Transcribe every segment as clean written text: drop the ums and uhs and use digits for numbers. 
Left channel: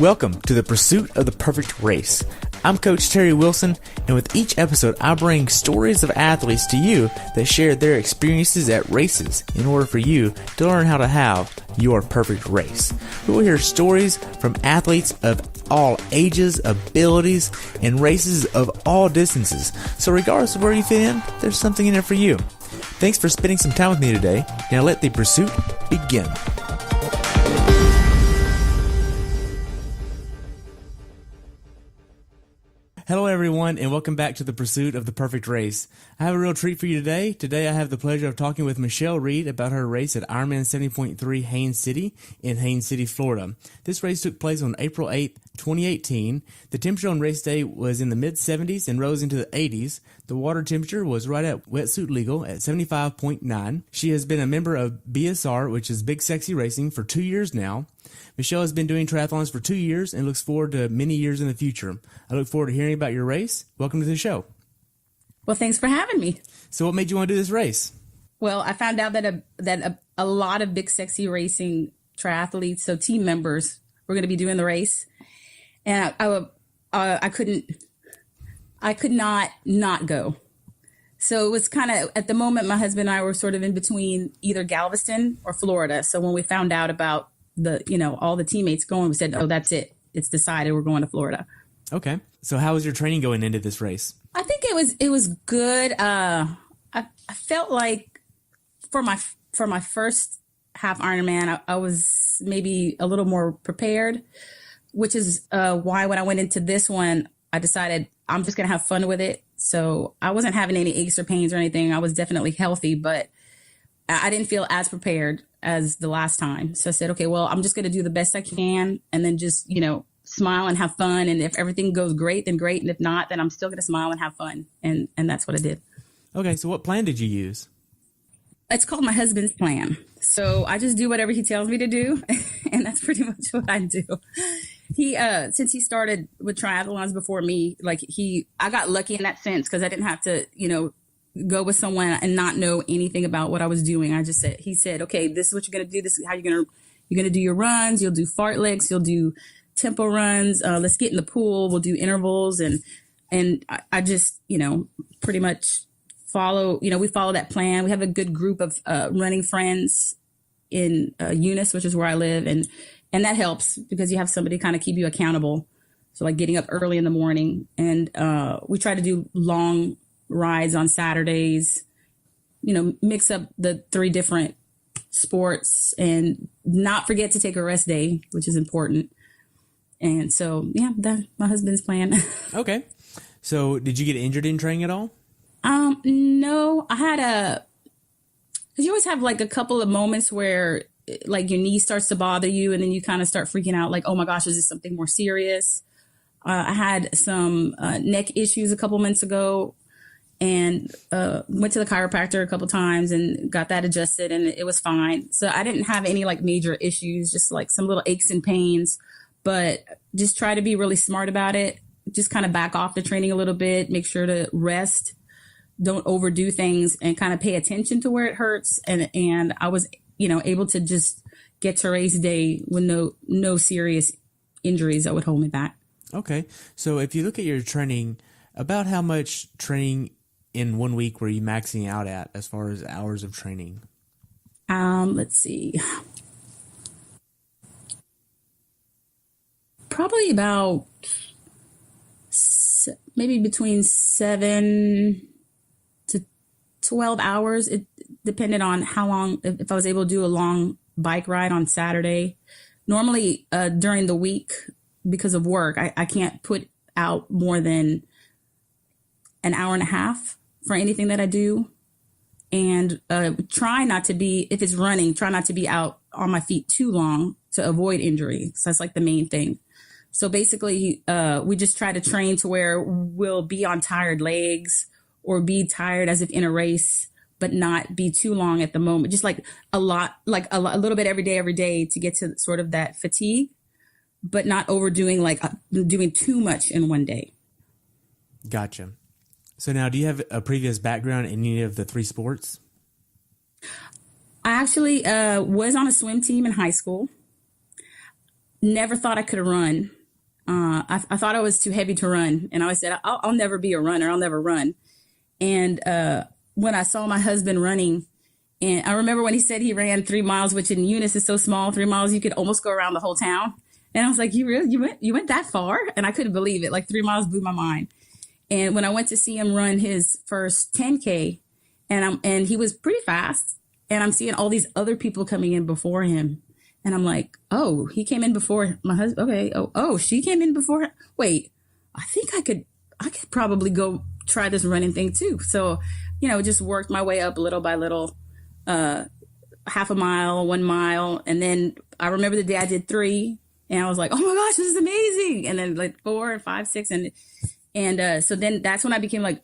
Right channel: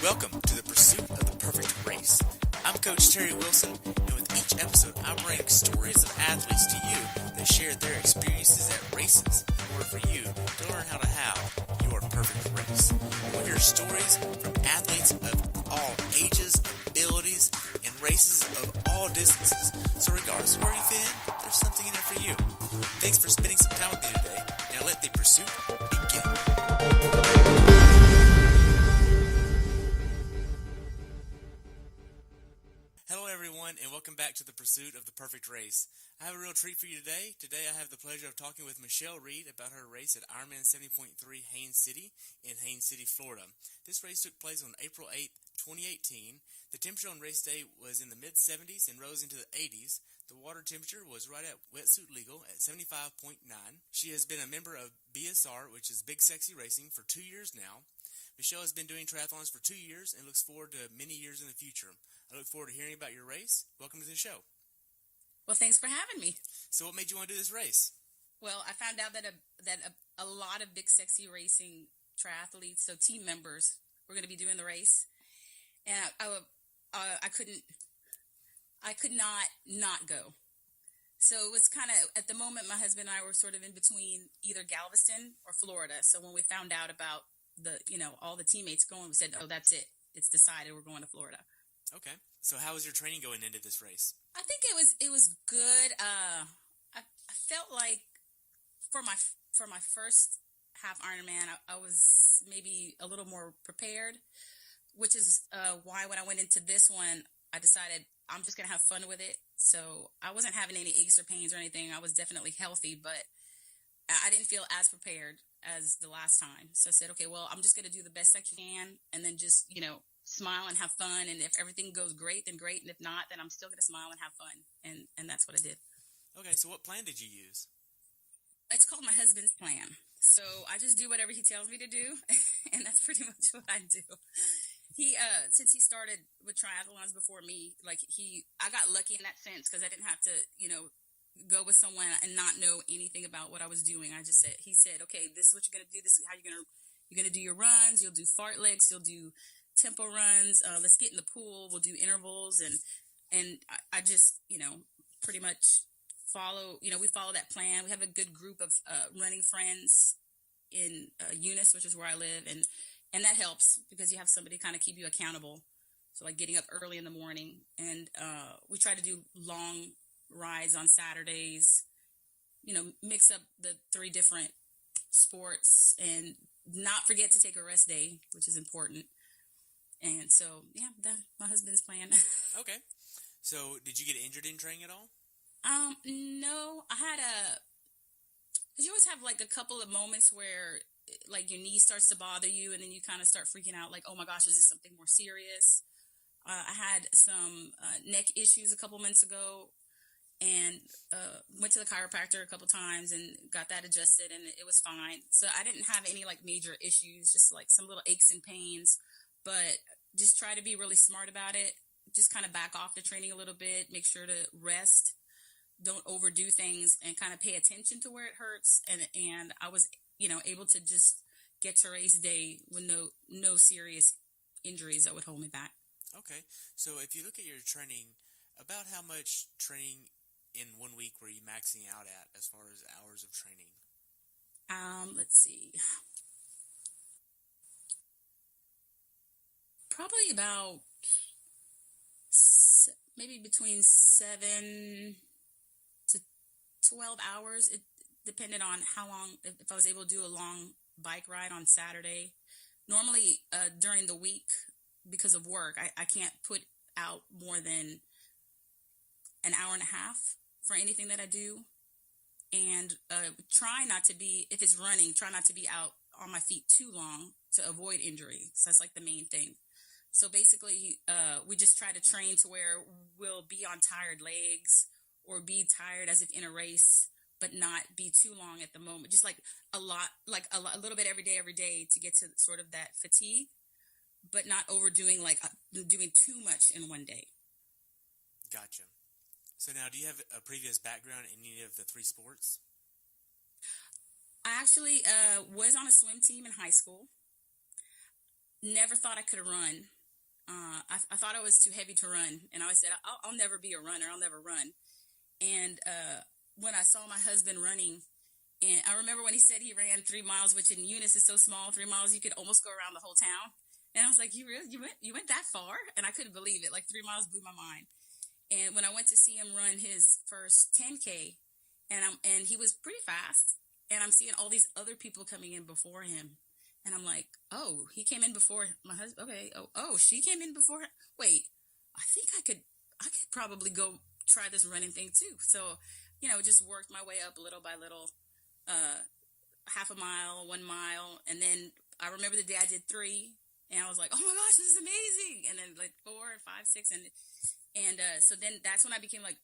Welcome to the Pursuit of the Perfect Race. I'm Coach Terry Wilson, and with each episode, I bring stories of athletes to you that share their experiences at races in order for you to learn how to have your perfect race. We will hear stories from athletes of all ages, abilities, and races of all distances. So regardless of where you fit in, there's something in there for you. Thanks for spending some time with me today. Now let the pursuit begin. Hello everyone, and welcome back to the Pursuit of the Perfect Race. I have a real treat for you today. Today I have the pleasure of talking with Michelle Reed about her race at Ironman 70.3 Haines City in Haines City, Florida. This race took place on April 8th, 2018. The temperature on race day was in the mid-70s and rose into the 80s. The water temperature was right at wetsuit legal at 75.9. She has been a member of BSR, which is Big Sexy Racing, for 2 years now. Michelle has been doing triathlons for 2 years and looks forward to many years in the future. I look forward to hearing about your race. Welcome to the show. Well, thanks for having me. So what made you want to do this race? Well, I found out that a lot of Big Sexy Racing triathletes, so team members, were going to be doing the race. And I could not go. So it was kind of, at the moment, my husband and I were sort of in between either Galveston or Florida. So when we found out about all the teammates going, we said, oh, that's it. It's decided, we're going to Florida. Okay. So how was your training going into this race? I think it was good. I felt like for my first half Ironman, I was maybe a little more prepared, which is why when I went into this one, I decided I'm just going to have fun with it. So I wasn't having any aches or pains or anything. I was definitely healthy, but I didn't feel as prepared as the last time. So I said, okay, well, I'm just going to do the best I can and then just, smile and have fun. And if everything goes great, then great. And if not, then I'm still going to smile and have fun. And that's what I did. Okay. So what plan did you use? It's called my husband's plan. So I just do whatever he tells me to do. And that's pretty much what I do. He, since he started with triathlons before me, I got lucky in that sense because I didn't have to, go with someone and not know anything about what I was doing. He said, okay, this is what you're going to do. This is how you're going to do your runs. You'll do fartleks. You'll do tempo runs. Let's get in the pool. We'll do intervals. And I just, pretty much follow, we follow that plan. We have a good group of running friends in Eunice, which is where I live. And that helps because you have somebody kind of keep you accountable. So like getting up early in the morning, and we try to do long rides on Saturdays, mix up the 3 different sports and not forget to take a rest day, which is important. And so, yeah, that's my husband's plan. Okay. So did you get injured in training at all? No, I had because you always have like a couple of moments where like your knee starts to bother you and then you kind of start freaking out like, oh my gosh, is this something more serious? I had some neck issues a couple months ago and went to the chiropractor a couple times and got that adjusted and it was fine. So I didn't have any like major issues, just like some little aches and pains, but just try to be really smart about it. Just kind of back off the training a little bit, make sure to rest, don't overdo things and kind of pay attention to where it hurts. And I was, able to just get to race day with no serious injuries that would hold me back. Okay. So if you look at your training, about how much training in 1 week were you maxing out at as far as hours of training? Let's see. Probably about maybe between 7 to 12 hours. It depended on how long, if I was able to do a long bike ride on Saturday. Normally during the week, because of work, I can't put out more than an hour and a half for anything that I do. And try not to be, if it's running, try not to be out on my feet too long to avoid injury. So that's like the main thing. So basically, we just try to train to where we'll be on tired legs or be tired as if in a race, but not be too long at the moment. Just like a little bit every day to get to sort of that fatigue, but not overdoing, doing too much in one day. Gotcha. So now, do you have a previous background in any of the 3 sports? I actually was on a swim team in high school. never thought I could run. I thought I was too heavy to run. And I always said, I'll never be a runner. I'll never run. And when I saw my husband running, and I remember when he said he ran 3 miles, which in Eunice is so small, 3 miles, you could almost go around the whole town. And I was like, you went that far? And I couldn't believe it. Like 3 miles blew my mind. And when I went to see him run his first 10K, and he was pretty fast, and I'm seeing all these other people coming in before him. And I'm like, oh, he came in before my husband. Okay. Oh, she came in before. Wait, I think I could probably go try this running thing too. So, just worked my way up little by little, half a mile, 1 mile. And then I remember the day I did 3, and I was like, oh my gosh, this is amazing. And then like 4, 5, 6. And so then that's when I became like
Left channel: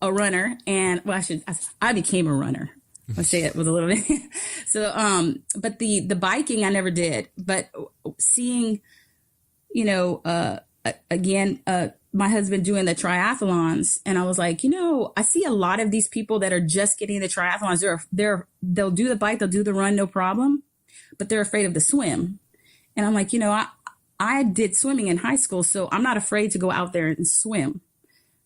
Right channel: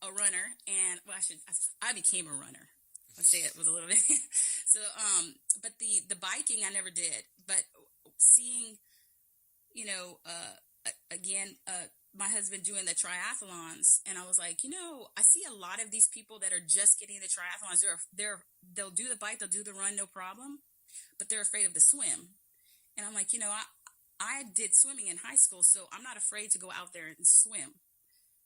a runner. And well, I became a runner. I'll say it with a little bit. So, but the biking I never did, but seeing, again, my husband doing the triathlons, and I was like, I see a lot of these people that are just getting the triathlons. They'll do the bike, they'll do the run, no problem, but they're afraid of the swim. And I'm like, I did swimming in high school, so I'm not afraid to go out there and swim.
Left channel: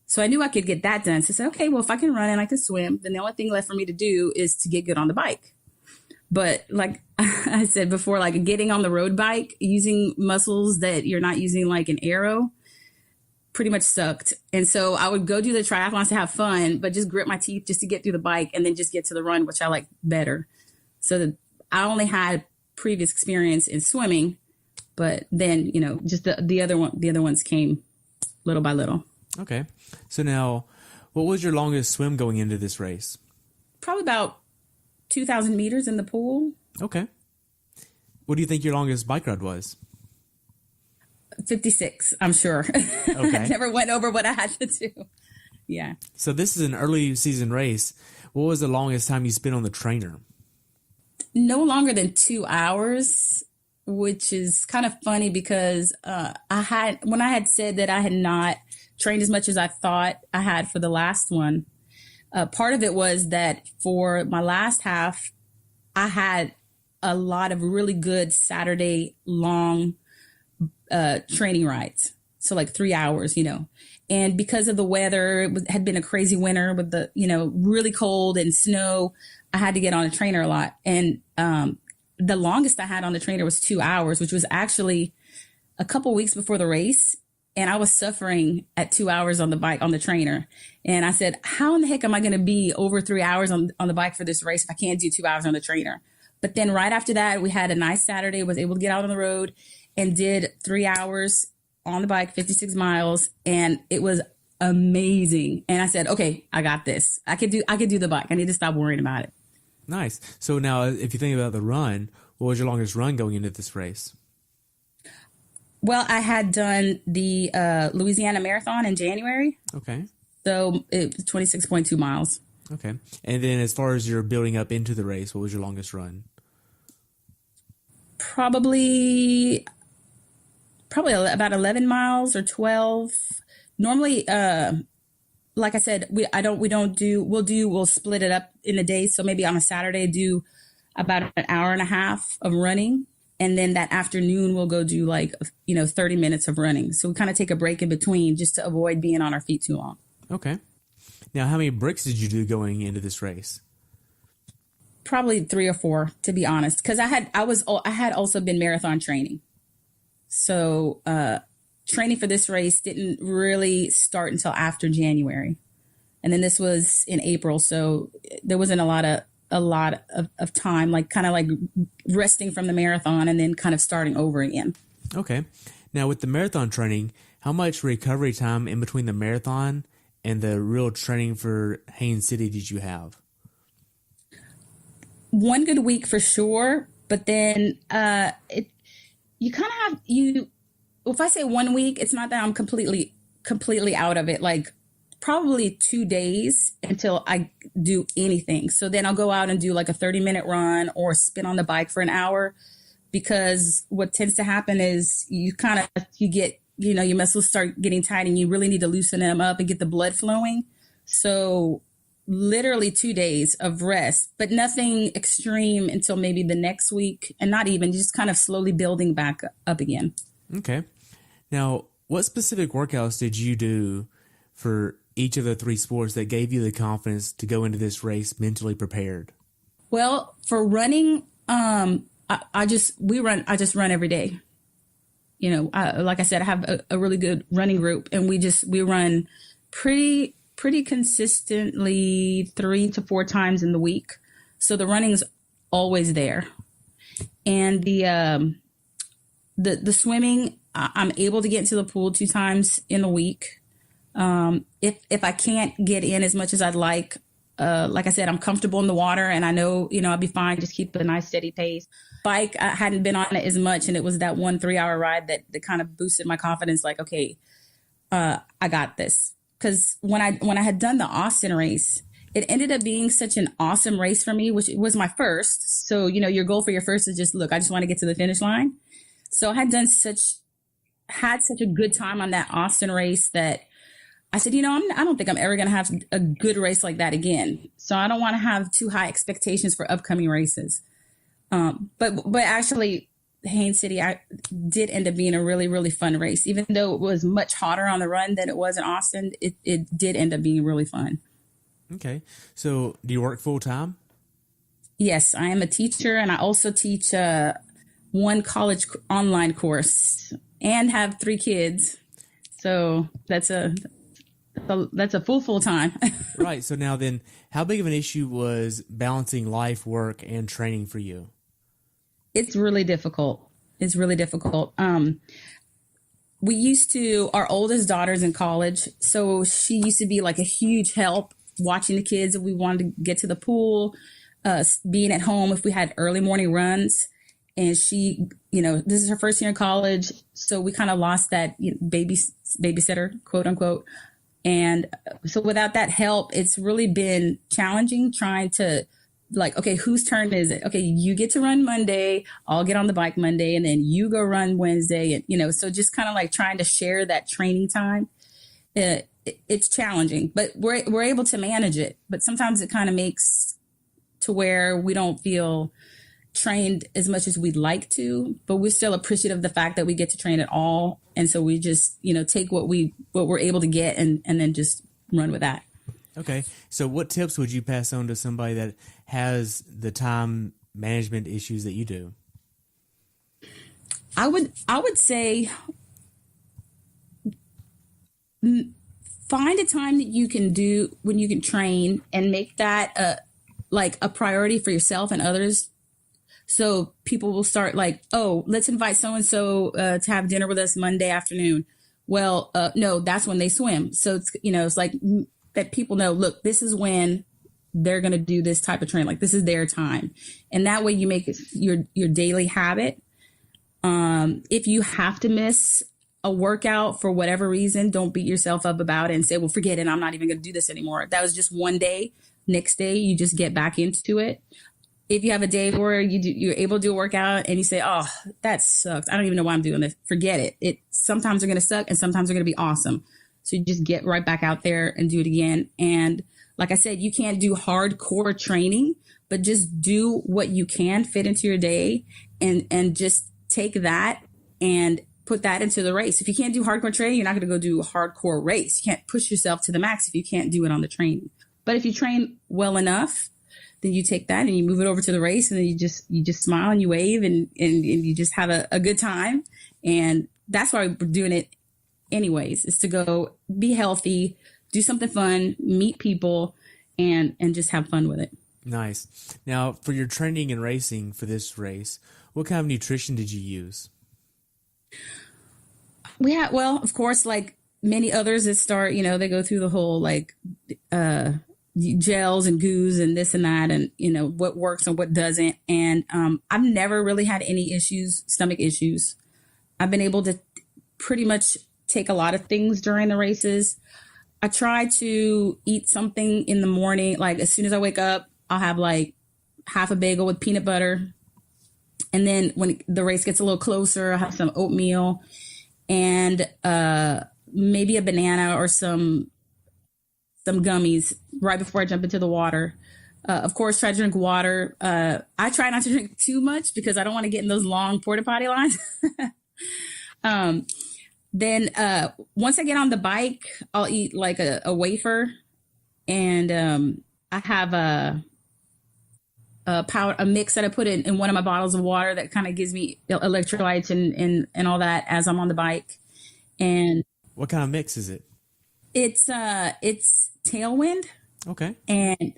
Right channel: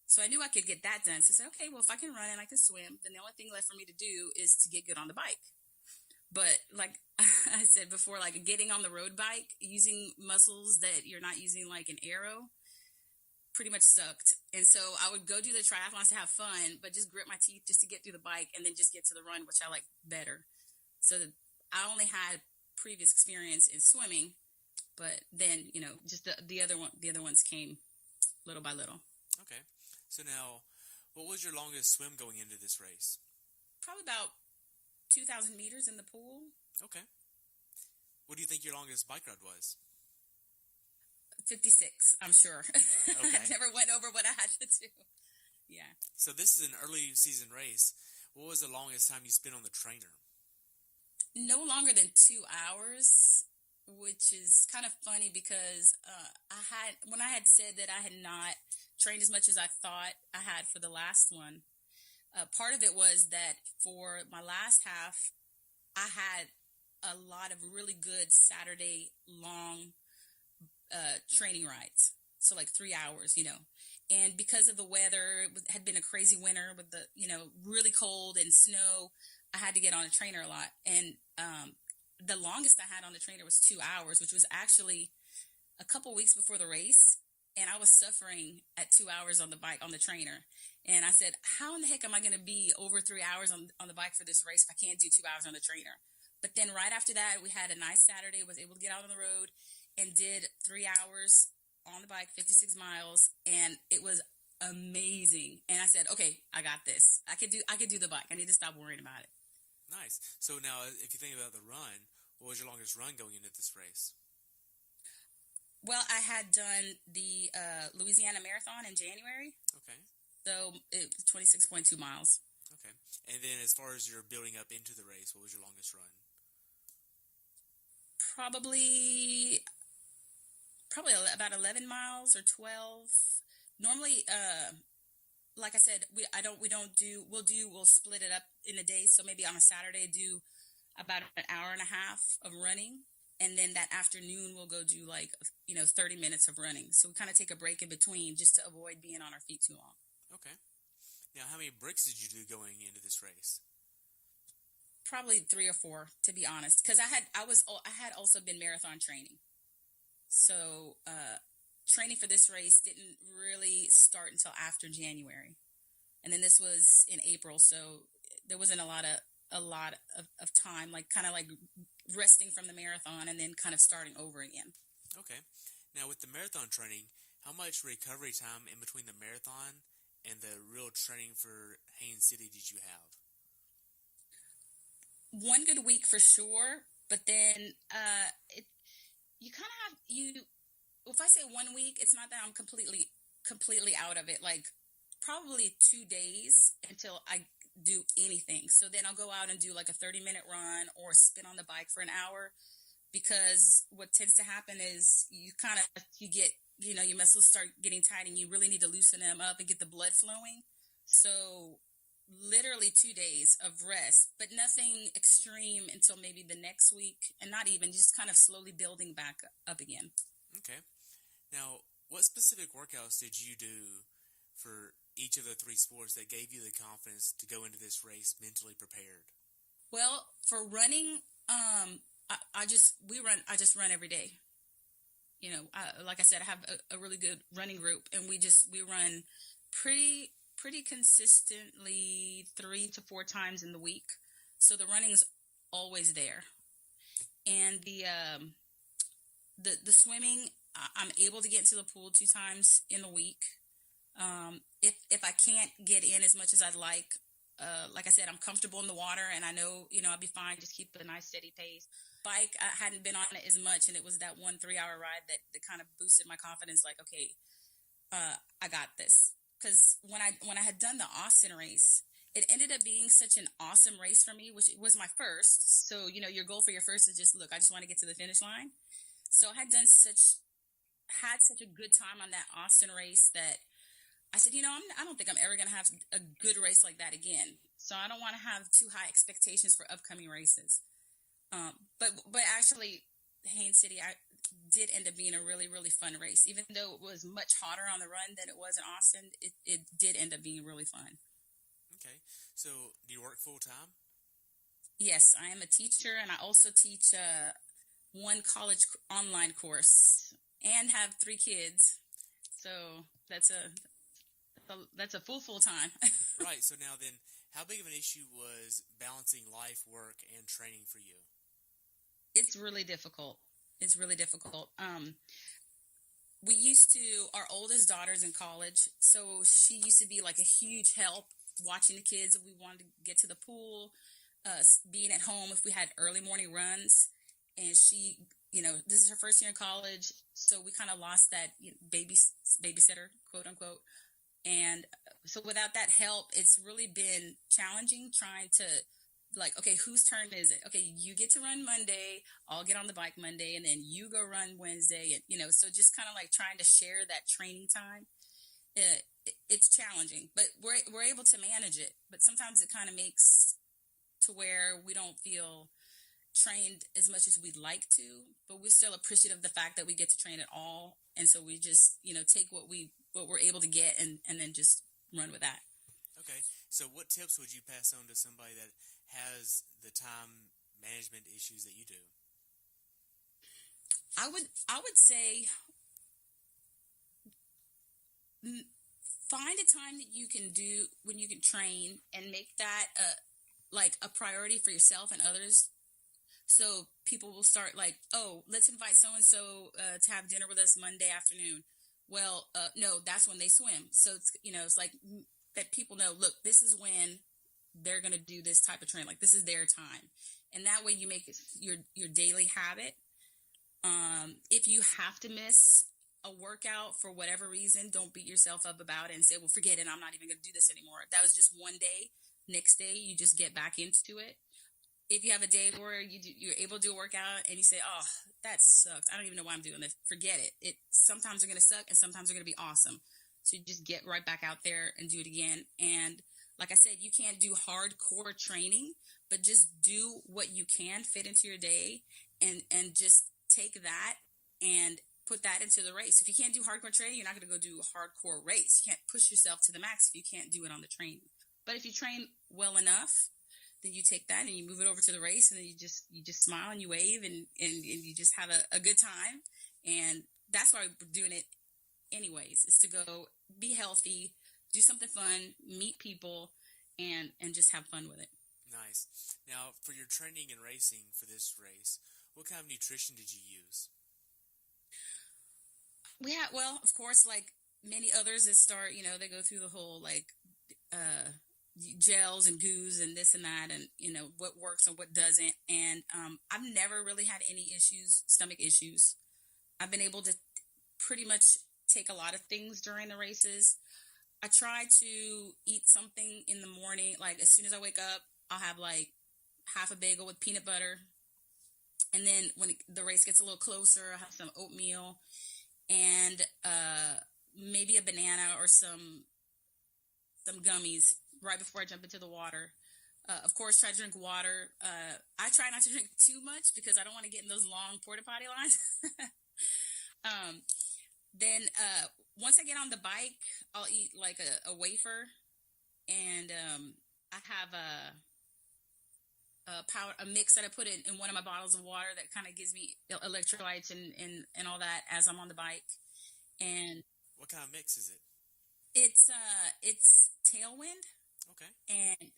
So I knew I could get that done. So I said, okay, well, if I can run and I can swim, then the only thing left for me to do is to get good on the bike. But like I said before, like getting on the road bike, using muscles that you're not using like an arrow, pretty much sucked. And so I would go do the triathlons to have fun, but just grit my teeth just to get through the bike and then just get to the run, which I like better. So I only had previous experience in swimming, but then, just the other ones came little by little. Okay. So now, what was your longest swim going into this race? Probably about 2,000 meters in the pool. Okay. What do you think your longest bike ride was? 56, I'm sure. Okay. I never went over what I had to do. Yeah. So this is an early season race. What was the longest time you spent on the trainer? No longer than 2 hours, which is kind of funny because when I had said that I had not trained as much as I thought I had for the last one, part of it was that for my last half, I had a lot of really good Saturday long training rides. So like 3 hours, and because of the weather, it had been a crazy winter with the, really cold and snow. I had to get on a trainer a lot. And the longest I had on the trainer was 2 hours, which was actually a couple weeks before the race. And I was suffering at 2 hours on the bike, on the trainer. And I said, how in the heck am I going to be over 3 hours on the bike for this race if I can't do 2 hours on the trainer? But then right after that, we had a nice Saturday, was able to get out on the road and did 3 hours on the bike, 56 miles. And it was amazing. And I said, okay, I got this. I could do the bike. I need to stop worrying about it. Nice. So now if you think about the run, what was your longest run going into this race? Well, I had done the Louisiana Marathon in January. Okay. So it was 26.2 miles. Okay. And then as far as you're building up into the race, what was your longest run? Probably about 11 miles or 12. Normally, like I said, we'll split it up in a day. So maybe on a Saturday, do about an hour and a half of running. And then that afternoon, we'll go do 30 minutes of running. So we kind of take a break in between just to avoid being on our feet too long. Okay. Now, how many bricks did you do going into this race? Probably 3 or 4, to be honest, because I had also been marathon training. So training for this race didn't really start until after January. And then this was in April. So there wasn't a lot of time, kind of resting from the marathon and then kind of starting over again. Okay. Now with the marathon training, how much recovery time in between the marathon and the real training for Haines City did you have? 1 good week for sure. But then you kind of have, if I say 1 week, it's not that I'm completely out of it. Probably 2 days until I do anything. So then I'll go out and do a 30-minute run or spin on the bike for an hour, because what tends to happen is you get, your muscles start getting tight and you really need to loosen them up and get the blood flowing. So literally 2 days of rest, but nothing extreme until maybe the next week, and not even, just kind of slowly building back up again. Okay. Now, what specific workouts did you do for each of the three sports that gave you the confidence to go into this race mentally prepared? Well, for running, I just run every day. You know, like I said, I have a really good running group, and we run pretty consistently 3 to 4 times in the week. So the running's always there. And the swimming, I'm able to get into the pool 2 times in a week. If I can't get in as much as I'd like I said, I'm comfortable in the water, and I know, I'll be fine. Just keep a nice steady pace. Bike, I hadn't been on it as much, and it was that 1 3-hour ride that kind of boosted my confidence. Like, okay, I got this. Because when I had done the Austin race, it ended up being such an awesome race for me, which was my first. So, your goal for your first is just, look, I just want to get to the finish line. So I had such a good time on that Austin race that I said, I don't think I'm ever going to have a good race like that again. So I don't want to have too high expectations for upcoming races. But actually, Haines City, I did end up being a really, really fun race. Even though it was much hotter on the run than it was in Austin, it did end up being really fun. Okay. So do you work full time? Yes, I am a teacher, and I also teach one college online course and have 3 kids. So that's a full time. Right. So now then, how big of an issue was balancing life, work, and training for you? It's really difficult. Our oldest daughter's in college, so she used to be like a huge help watching the kids if we wanted to get to the pool, being at home if we had early morning runs. And she, this is her first year in college, so we kind of lost that babysitter, quote unquote. And so without that help, it's really been challenging trying to, like, okay, whose turn is it? Okay, you get to run Monday, I'll get on the bike Monday, and then you go run Wednesday. And, so just kind of like trying to share that training time. It's challenging, but we're able to manage it. But sometimes it kind of makes to where we don't feel trained as much as we'd like to, but we're still appreciative of the fact that we get to train at all. And so we just, take what we're able to get and then just run with that. Okay. So what tips would you pass on to somebody that has the time management issues that you do? I would say find a time that you can do when you can train and make that a priority for yourself and others. So people will start like, oh, let's invite so-and-so to have dinner with us Monday afternoon. Well, no, that's when they swim. So it's, it's like that people know, look, this is when they're going to do this type of training. Like, this is their time. And that way you make it your daily habit. If you have to miss a workout for whatever reason, don't beat yourself up about it and say, well, forget it, I'm not even going to do this anymore. That was just one day. Next day, you just get back into it. If you have a day where you're able to do a workout and you say, oh, that sucks, I don't even know why I'm doing this, forget it. Sometimes they're going to suck and sometimes they're going to be awesome. So you just get right back out there and do it again. And like I said, you can't do hardcore training, but just do what you can fit into your day and just take that and put that into the race. If you can't do hardcore training, you're not going to go do a hardcore race. You can't push yourself to the max if you can't do it on the training. But if you train well enough, then you take that and you move it over to the race, and then you just smile and you wave and you just have a good time. And that's why we're doing it anyways, is to go be healthy, do something fun, meet people, and just have fun with it. Nice. Now, for your training and racing for this race, what kind of nutrition did you use? Well, of course, like many others that start, they go through the whole gels and goos and this and that, and what works and what doesn't. And I've never really had any stomach issues. I've been able to pretty much take a lot of things during the races. I try to eat something in the morning. Like as soon as I wake up, I'll have like half a bagel with peanut butter. And then when the race gets a little closer, I'll have some oatmeal and maybe a banana or some gummies right before I jump into the water. Of course, try to drink water. I try not to drink too much because I don't want to get in those long porta potty lines. Then once I get on the bike, I'll eat like a wafer, and I have a mix that I put in one of my bottles of water that kind of gives me electrolytes and all that as I'm on the bike. And What kind of mix is it? it's Tailwind. Okay. And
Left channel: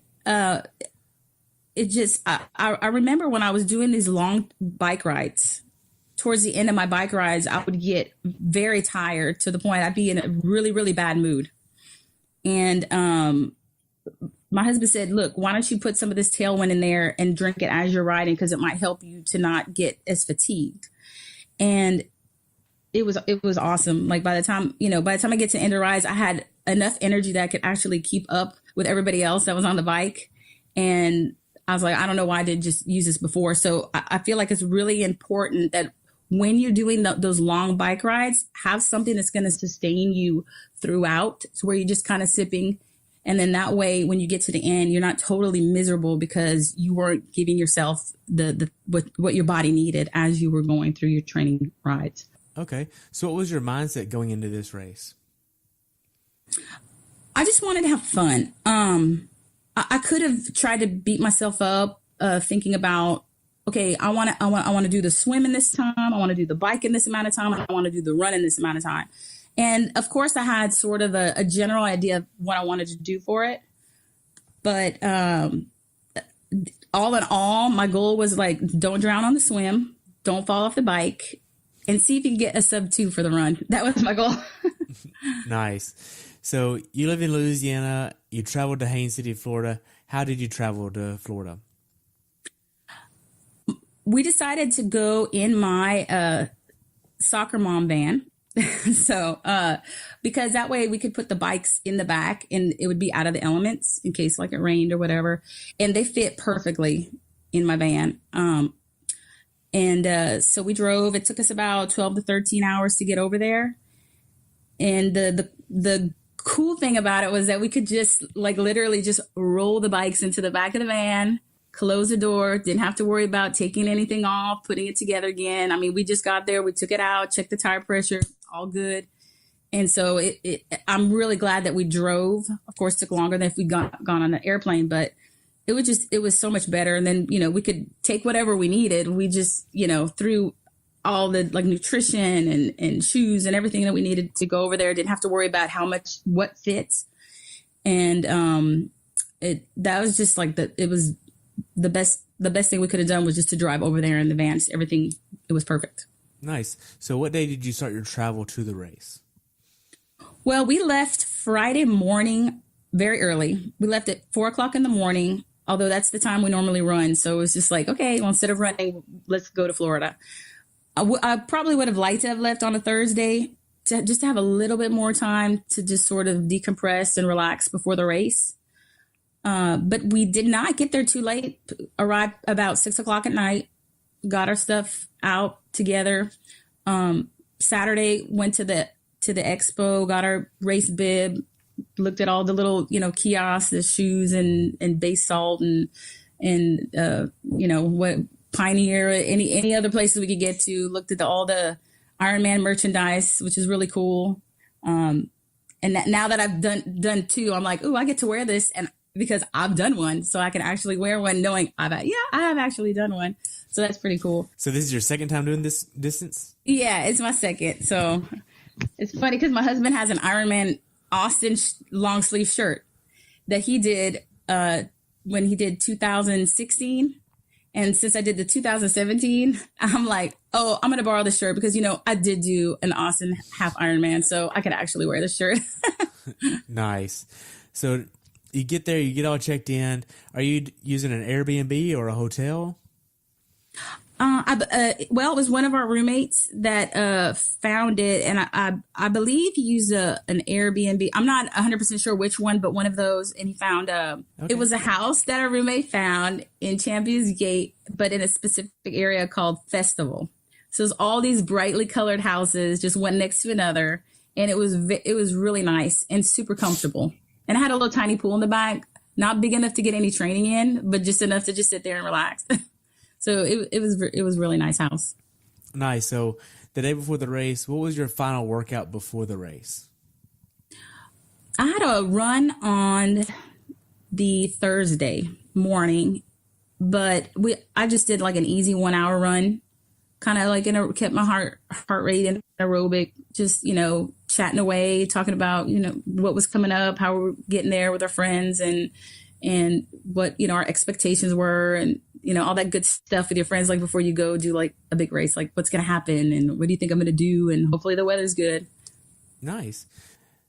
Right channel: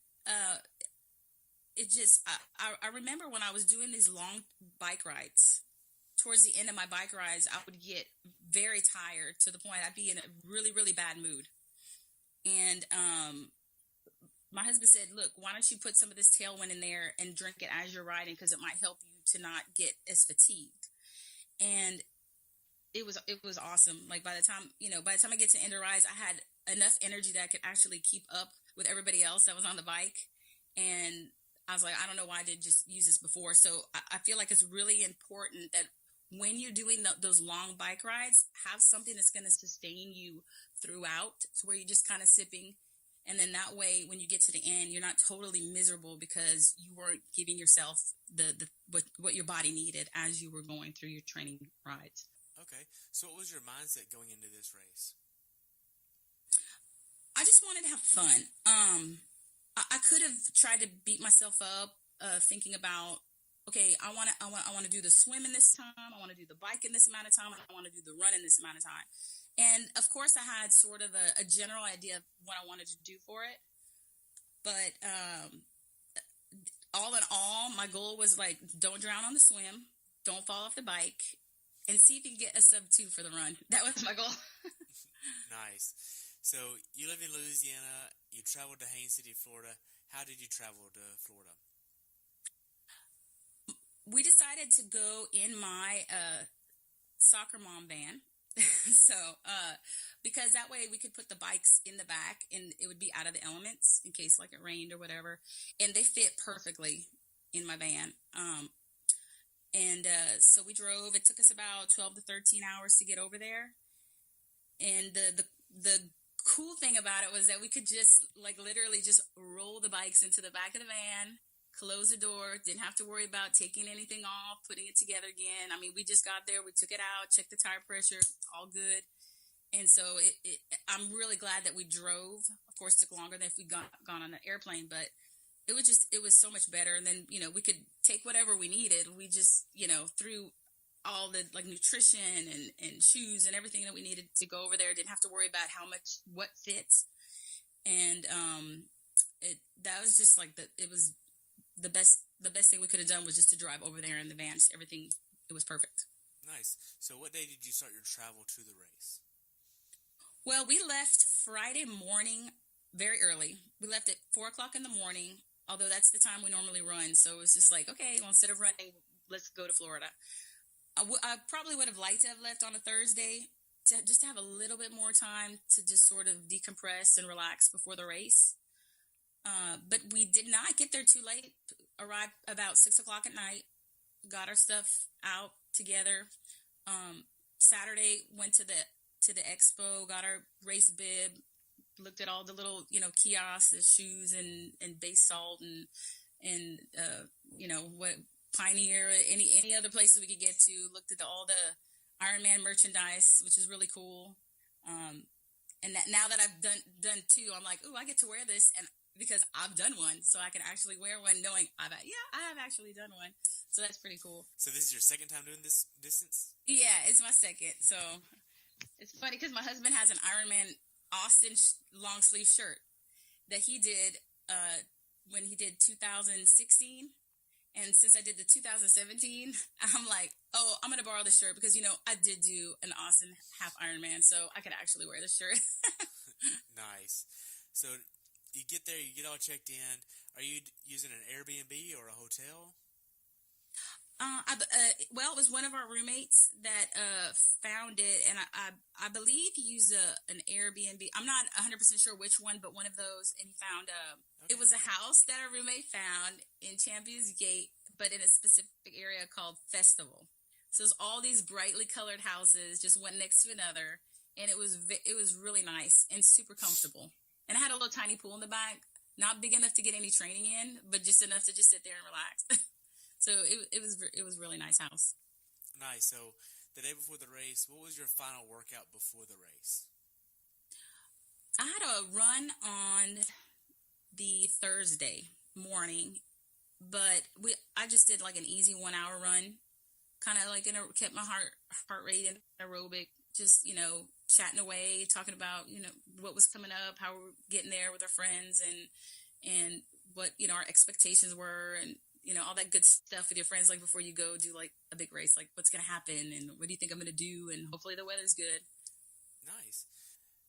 it just I remember when I was doing these long bike rides, towards the end of my bike rides, I would get very tired to the point I'd be in a really, really bad mood. And my husband said, look, why don't you put some of this Tailwind in there and drink it as you're riding, because it might help you to not get as fatigued. And it was awesome. Like by the time I get to end of rides, I had enough energy that I could actually keep up with everybody else that was on the bike. And I was like, I don't know why I didn't just use this before. So I feel like it's really important that when you're doing those long bike rides, have something that's going to sustain you throughout. So where you're just kind of sipping. And then that way, when you get to the end, you're not totally miserable because you weren't giving yourself what your body needed as you were going through your training rides. Okay. So what was your mindset going into this race? I just wanted to have fun. I could have tried to beat myself up, thinking about, okay, I want to do the swim in this time. I want to do the bike in this amount of time. I want to do the run in this amount of time. And of course I had sort of a general idea of what I wanted to do for it. But, all in all, my goal was like, don't drown on the swim, don't fall off the bike, and see if you can get a sub-2 for the run. That was my goal. Nice. So you live in Louisiana, you traveled to Haines City, Florida. How did you travel to Florida? We decided to go in my soccer mom van. So because that way we could put the bikes in the back and it would be out of the elements in case like it rained or whatever. And they fit perfectly in my van. So we drove. It took us about 12 to 13 hours to get over there. And the cool thing about it was that we could just like literally just roll the bikes into the back of the van, close the door, didn't have to worry about taking anything off, putting it together again. I mean, we just got there, we took it out, checked the tire pressure, all good. And so I'm really glad that we drove. Of course, it took longer than if we'd gone on an airplane, but it was so much better. And then, we could take whatever we needed. We just, threw all the like nutrition and shoes and everything that we needed to go over there. Didn't have to worry about what fits. And that was just like it was the best thing we could have done was just to drive over there in the van. Just everything, it was perfect. Nice. So what day did you start your travel to the race? Well, we left Friday morning very early. We left at 4:00 in the morning, although that's the time we normally run. So it was just like, okay, well, instead of running, let's go to Florida. I probably would have liked to have left on a Thursday just to have a little bit more time to just sort of decompress and relax before the race. But we did not get there too late. Arrived about 6:00 at night, got our stuff out together. Saturday went to the expo, got our race bib, looked at all the little, kiosks, the shoes and base salt and what Pioneer, any other places we could get to, looked at all the Ironman merchandise, which is really cool. And now that I've done two, I'm like, ooh, I get to wear this. And because I've done one, so I can actually wear one knowing I have actually done one. So that's pretty cool. So this is your second time doing this distance? Yeah, it's my second. So it's funny because my husband has an Ironman Austin long sleeve shirt that he did when he did 2016. And since I did the 2017, I'm like, oh, I'm going to borrow the shirt because, I did do an Austin half Ironman, so I could actually wear the shirt. Nice. So you get there, you get all checked in. Are you using an Airbnb or a hotel? Well, it was one of our roommates that found it, and I believe he used an Airbnb. I'm not 100% sure which one, but one of those. And he found It was a house that our roommate found in Champions Gate, but in a specific area called Festival. So it's all these brightly colored houses, just one next to another, and it was really nice and super comfortable. And I had a little tiny pool in the back. not big enough to get any training in, but just enough to just sit there and relax. So it was really nice house. Nice. So the day before the race, what was your final workout before the race? I had a run on the Thursday morning, but I just did like an easy 1 hour run, kind of like kept my heart rate in aerobic, just, chatting away, talking about, what was coming up, how we're getting there with our friends, and what, our expectations were, and, all that good stuff with your friends, like before you go do like a big race, like what's going to happen and what do you think I'm going to do? And hopefully the weather's good. Nice.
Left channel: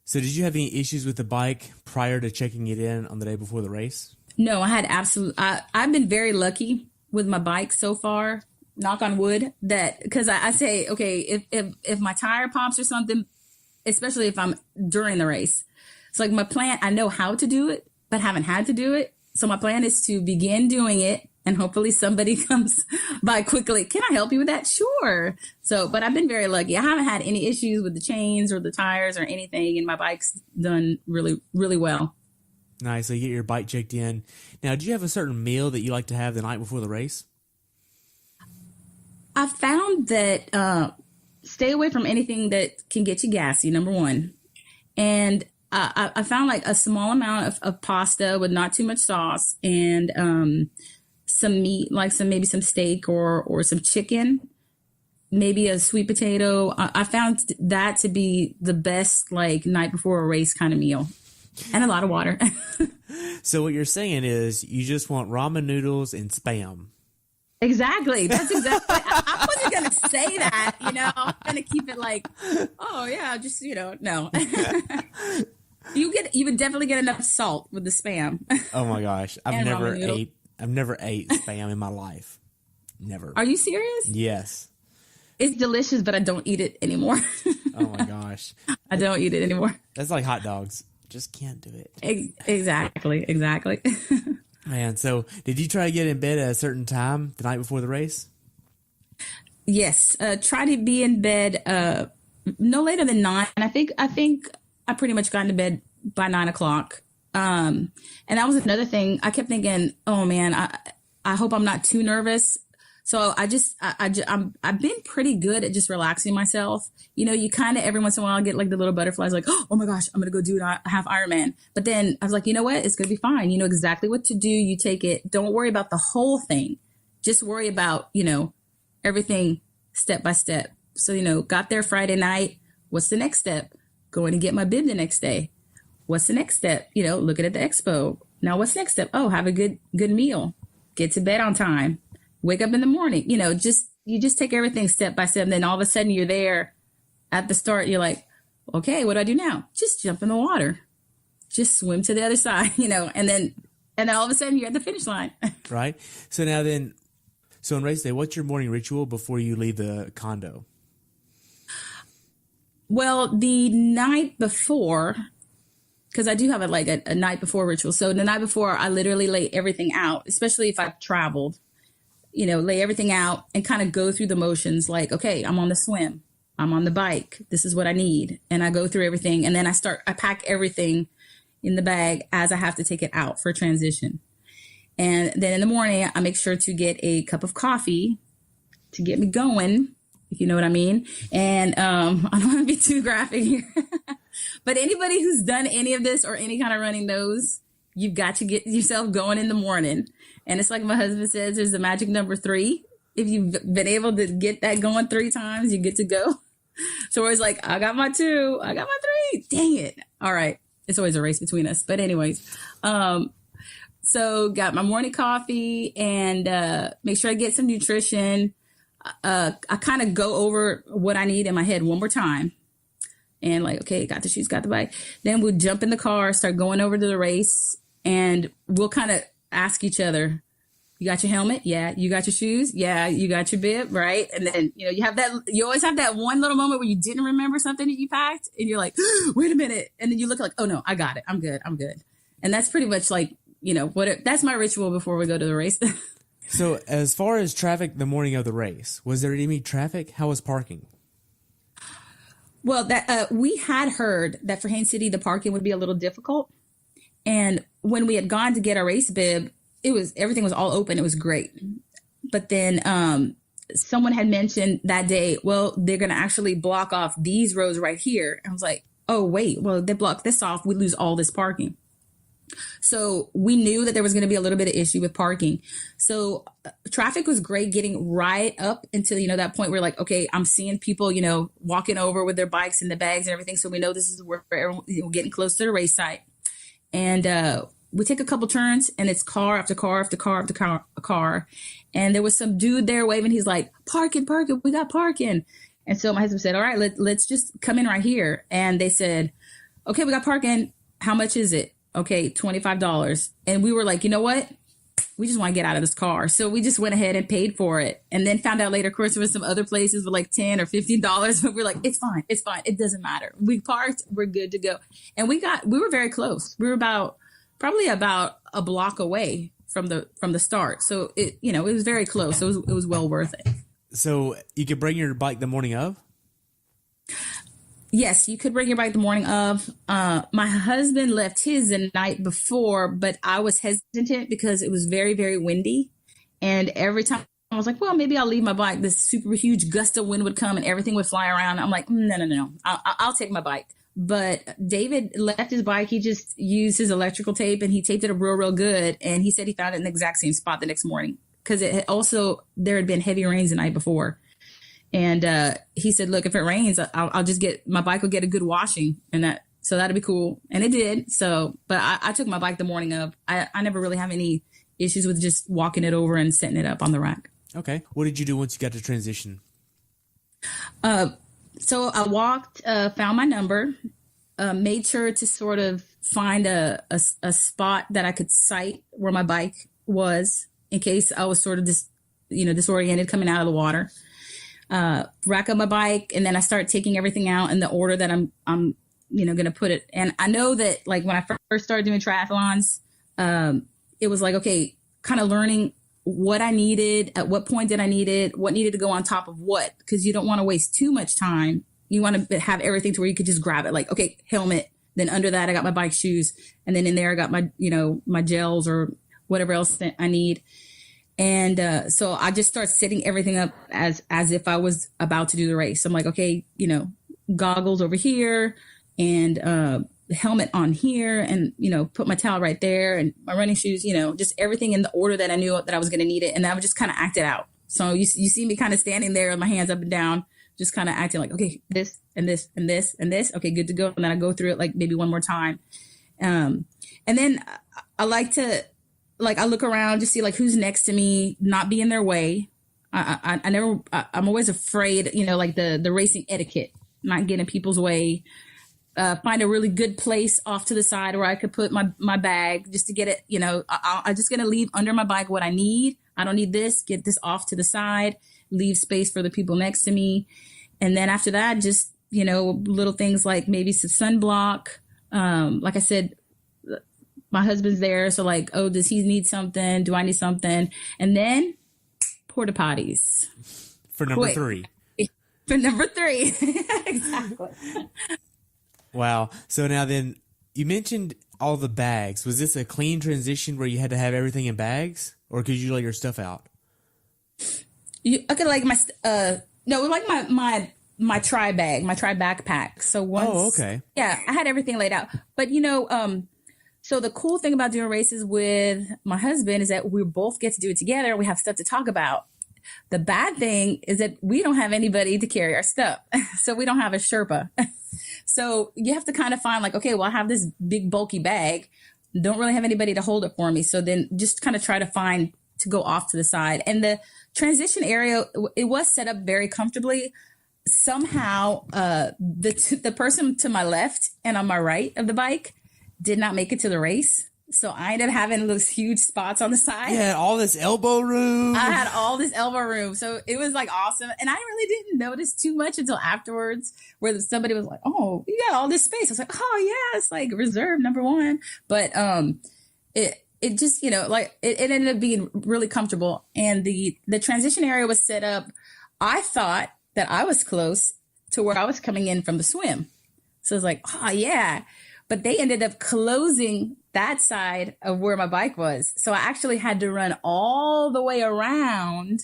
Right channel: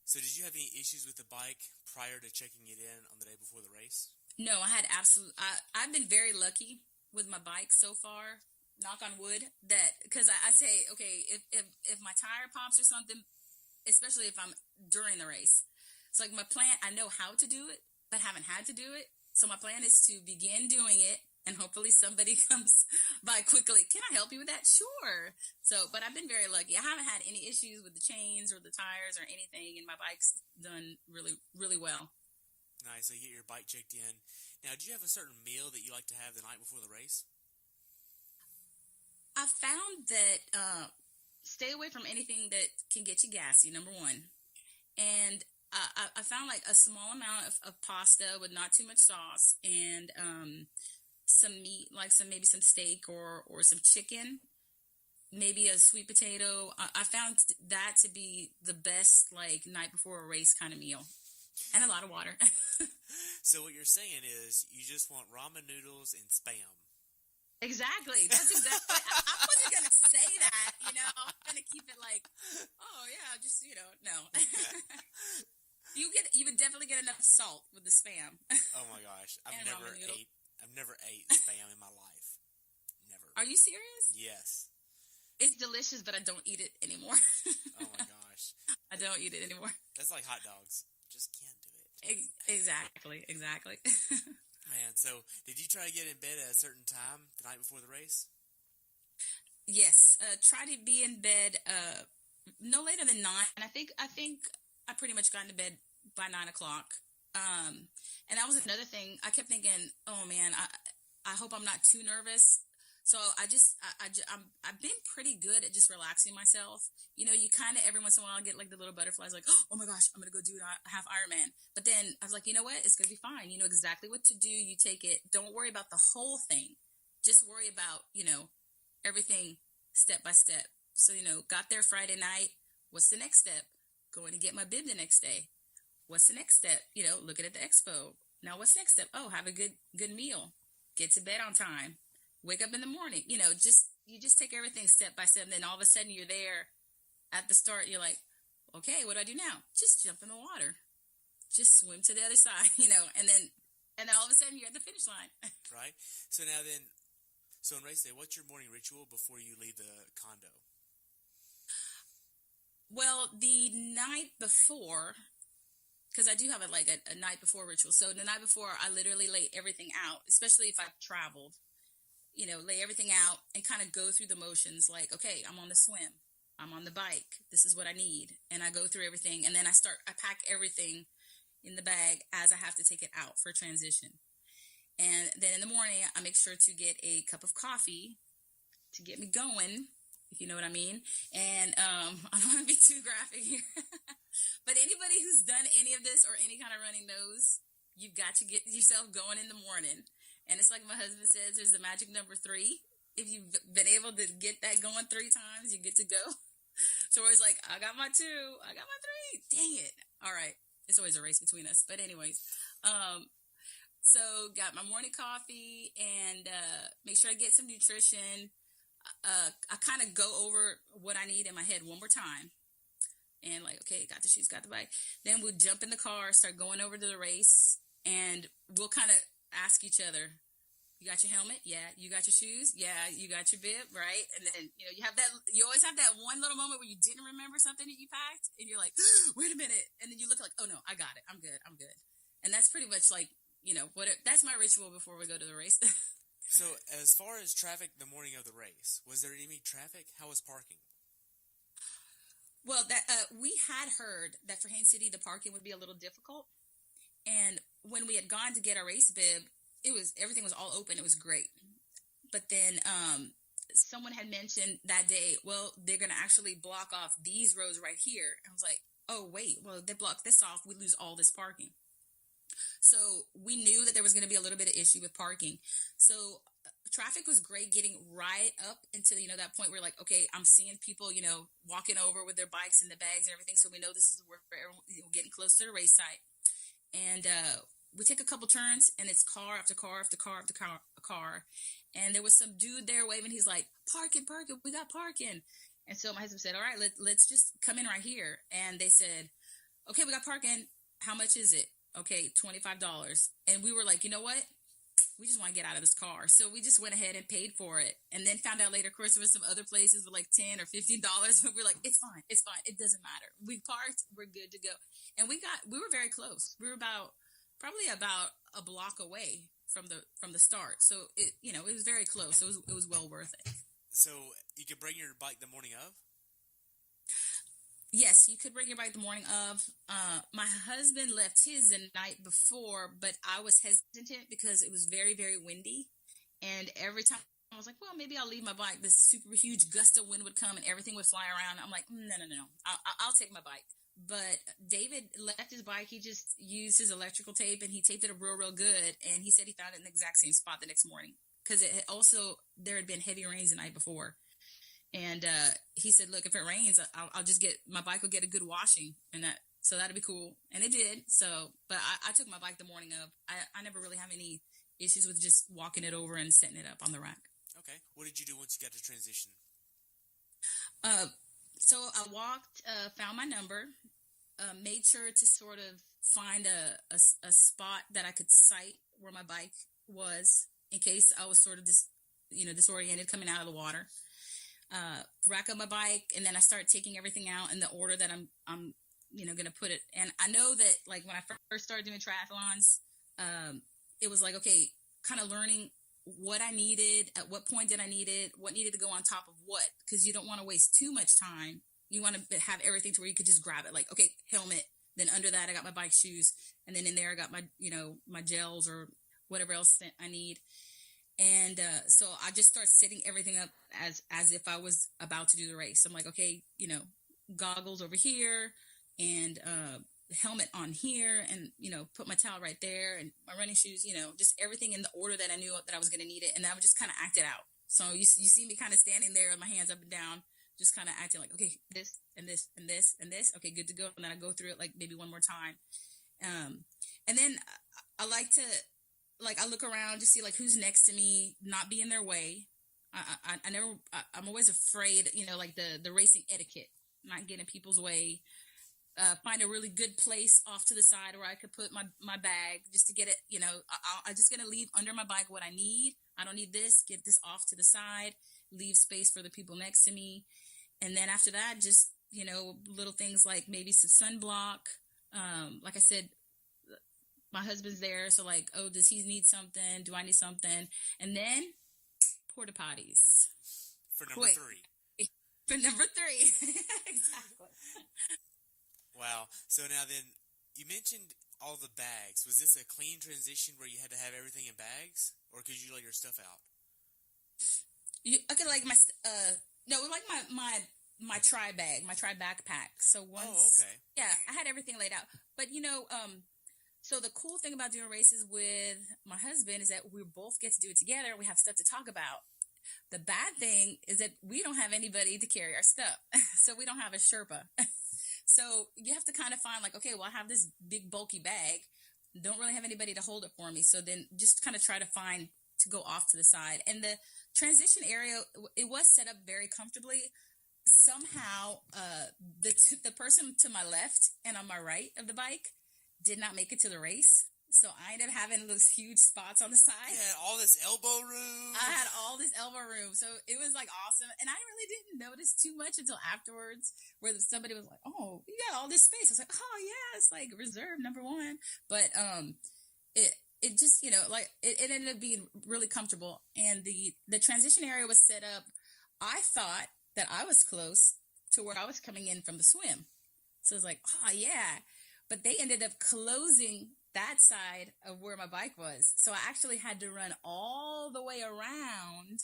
So did you have any issues with the bike prior to checking it in on the day before the race? No, I had I've been very lucky with my bike so far, knock on wood, that because I say, okay, if my tire pops or something, especially if I'm during the race, it's like my plan, I know how to do it, but haven't had to do it. So my plan is to begin doing it, and hopefully somebody comes by quickly. Can I help you with that? Sure. So, but I've been very lucky. I haven't had any issues with the chains or the tires or anything, and my bike's done really, really well. Nice. So you get your bike checked in. Now, do you have a certain meal that you like to have the night before the race? I found that stay away from anything that can get you gassy, number one. And I found like a small amount of pasta with not too much sauce, and some meat, like maybe some steak or some chicken, maybe a sweet potato. I found that to be the best like night before a race kind of meal, and a lot of water. So what you're saying is you just want ramen noodles and Spam. Exactly. That's exactly. I wasn't going to say that, I'm going to keep it like, oh yeah, just, no. You would definitely get enough salt with the Spam. Oh my gosh. I've never ate Spam in my life. Never. Are you serious? Yes. It's delicious, but I don't eat it anymore. Oh my gosh. I don't eat it anymore. That's like hot dogs. Just can't do it. Exactly. Man, so did you try to get in bed at a certain time the night before the race? Yes. Try to be in bed no later than 9. I think I pretty much got into bed by 9 o'clock. And that was another thing. I kept thinking, oh man, I hope I'm not too nervous. So I've been pretty good at just relaxing myself. You kind of every once in a while get like the little butterflies, like, oh my gosh, I'm going to go do a half Ironman. But then I was like, you know what? It's going to be fine. You know exactly what to do. You take it. Don't worry about the whole thing. Just worry about, everything step by step. So, got there Friday night. What's the next step? Going to get my bib the next day. What's the next step? Looking at the expo. Now what's next step? Oh, have a good meal. Get to bed on time. Wake up in the morning, you just take everything step by step. And then all of a sudden you're there at the start. You're like, okay, what do I do now? Just jump in the water, just swim to the other side, and then all of a sudden you're at the finish line. Right. So now then, on race day, what's your morning ritual before you leave the condo? Well, the night before, because I do have a night before ritual. So the night before I literally lay everything out, especially if I've traveled. Lay everything out and kind of go through the motions like, okay, I'm on the swim. I'm on the bike. This is what I need. And I go through everything. And then I pack everything in the bag as I have to take it out for transition. And then in the morning, I make sure to get a cup of coffee to get me going, if you know what I mean. And I don't want to be too graphic here. But anybody who's done any of this or any kind of running knows you've got to get yourself going in the morning. And it's like my husband says, there's the magic number 3. If you've been able to get that going 3 times, you get to go. So it's like, I got my 2, I got my 3. Dang it. All right. It's always a race between us. But anyways, so got my morning coffee and make sure I get some nutrition. I kind of go over what I need in my head one more time. And like, okay, got the shoes, got the bike. Then we'll jump in the car, start going over to the race, and we'll kind of ask each other, you got your helmet? Yeah. You got your shoes? Yeah. You got your bib? Right. And then, you always have that one little moment where you didn't remember something that you packed and you're like, wait a minute. And then you look like, oh no, I got it. I'm good. And that's pretty much like, that's my ritual before we go to the race. So as far as traffic the morning of the race, was there any traffic? How was parking? Well, that we had heard that for Haines City, the parking would be a little difficult. And when we had gone to get our race bib, everything was all open. It was great. But then someone had mentioned that day, well, they're going to actually block off these roads right here. I was like, oh, wait, well, they block this off. We lose all this parking. So we knew that there was going to be a little bit of issue with parking. So traffic was great getting right up until, that point where like, okay, I'm seeing people, walking over with their bikes and the bags and everything. So we know this is where everyone, we're getting close to the race site. And we take a couple turns and it's car after car after car after car. And there was some dude there waving. He's like, parking, we got parking. And so my husband said, all right, let's just come in right here. And they said, okay, we got parking. How much is it? Okay, $25. And we were like, you know what? We just want to get out of this car. So we just went ahead and paid for it. And then found out later, of course, there was some other places with like $10 or $15. But we're like, it's fine. It doesn't matter. We parked. We're good to go. And we were very close. We were probably about a block away from the start. So it was very close. So it was well worth it. So you could bring your bike the morning of? Yes, you could bring your bike the morning of. My husband left his the night before, but I was hesitant because it was very, very windy. And every time I was like, well, maybe I'll leave my bike. This super huge gust of wind would come and everything would fly around. I'm like, no. I'll take my bike. But David left his bike. He just used his electrical tape and he taped it up real good. And he said he found it in the exact same spot the next morning because there had been heavy rains the night before. And he said, look, if it rains, I'll just my bike will get a good washing so that'd be cool. And it did. So, but I took my bike the morning of. I never really have any issues with just walking it over and setting it up on the rack. Okay. What did you do once you got to transition? So I walked, found my number, made sure to sort of find a spot that I could sight where my bike was in case I was sort of disoriented coming out of the water. Rack up my bike, and then I start taking everything out in the order that I'm going to put it. And I know that like when I first started doing triathlons, it was like, okay, kind of learning what I needed, at what point did I need it, what needed to go on top of what, because you don't want to waste too much time. You want to have everything to where you could just grab it. Like, okay, helmet. Then under that, I got my bike shoes. And then in there, I got my, my gels or whatever else that I need. And so I just start setting everything up as if I was about to do the race. I'm like, okay, goggles over here and helmet on here and, put my towel right there and my running shoes, just everything in the order that I knew that I was going to need it. And I would just kind of act it out. So you see me kind of standing there with my hands up and down, just kind of acting like, okay, this and this and this and this. Okay, good to go. And then I go through it like maybe one more time. And then I like to, I look around to see like who's next to me, not be in their way. I'm always afraid, like the racing etiquette, not getting in people's way. Find a really good place off to the side where I could put my bag just to get it, I'm just going to leave under my bike what I need. I don't need this, get this off to the side, leave space for the people next to me. And then after that, just, little things like maybe some sunblock. Like I said, my husband's there. So like, oh, does he need something? Do I need something? And then porta potties. For number 3. For number 3. Exactly. Wow. So now then you mentioned all the bags. Was this a clean transition where you had to have everything in bags or could you lay your stuff out? I could like no, it was like my tri bag, my tri backpack. So once, oh, okay. Yeah, I had everything laid out. But so the cool thing about doing races with my husband is that we both get to do it together. We have stuff to talk about. The bad thing is that we don't have anybody to carry our stuff. So we don't have a Sherpa. So you have to kind of find like, okay, well, I have this big bulky bag. Don't really have anybody to hold it for me. So then just kind of try to find to go off to the side. And the transition area, it was set up very comfortably. Somehow the person to my left and on my right of the bike did not make it to the race. So I ended up having those huge spots on the side. Yeah, all this elbow room. I had all this elbow room. So it was like awesome. And I really didn't notice too much until afterwards where somebody was like, oh, you got all this space. I was like, oh yeah, it's like reserve number 1. But it just, it ended up being really comfortable. And the transition area was set up. I thought that I was close to where I was coming in from the swim. So I was like, oh yeah. But they ended up closing that side of where my bike was. So I actually had to run all the way around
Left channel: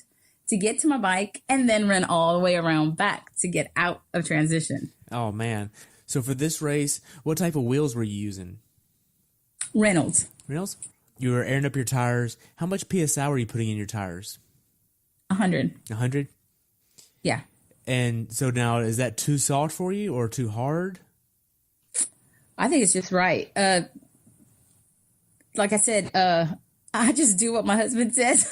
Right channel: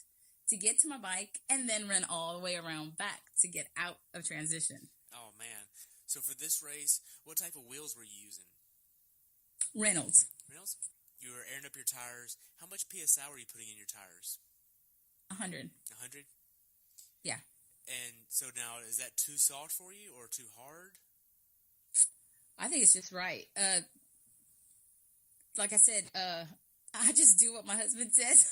to get to my bike and then run all the way around back to get out of transition. Oh, man. So for this race, what type of wheels were you using? Reynolds. Reynolds? You were airing up your tires. How much PSI were you putting in your tires? 100. 100? Yeah. And so now, is that too soft for you or too hard? I think it's just right. Like I said, I just do what my husband says.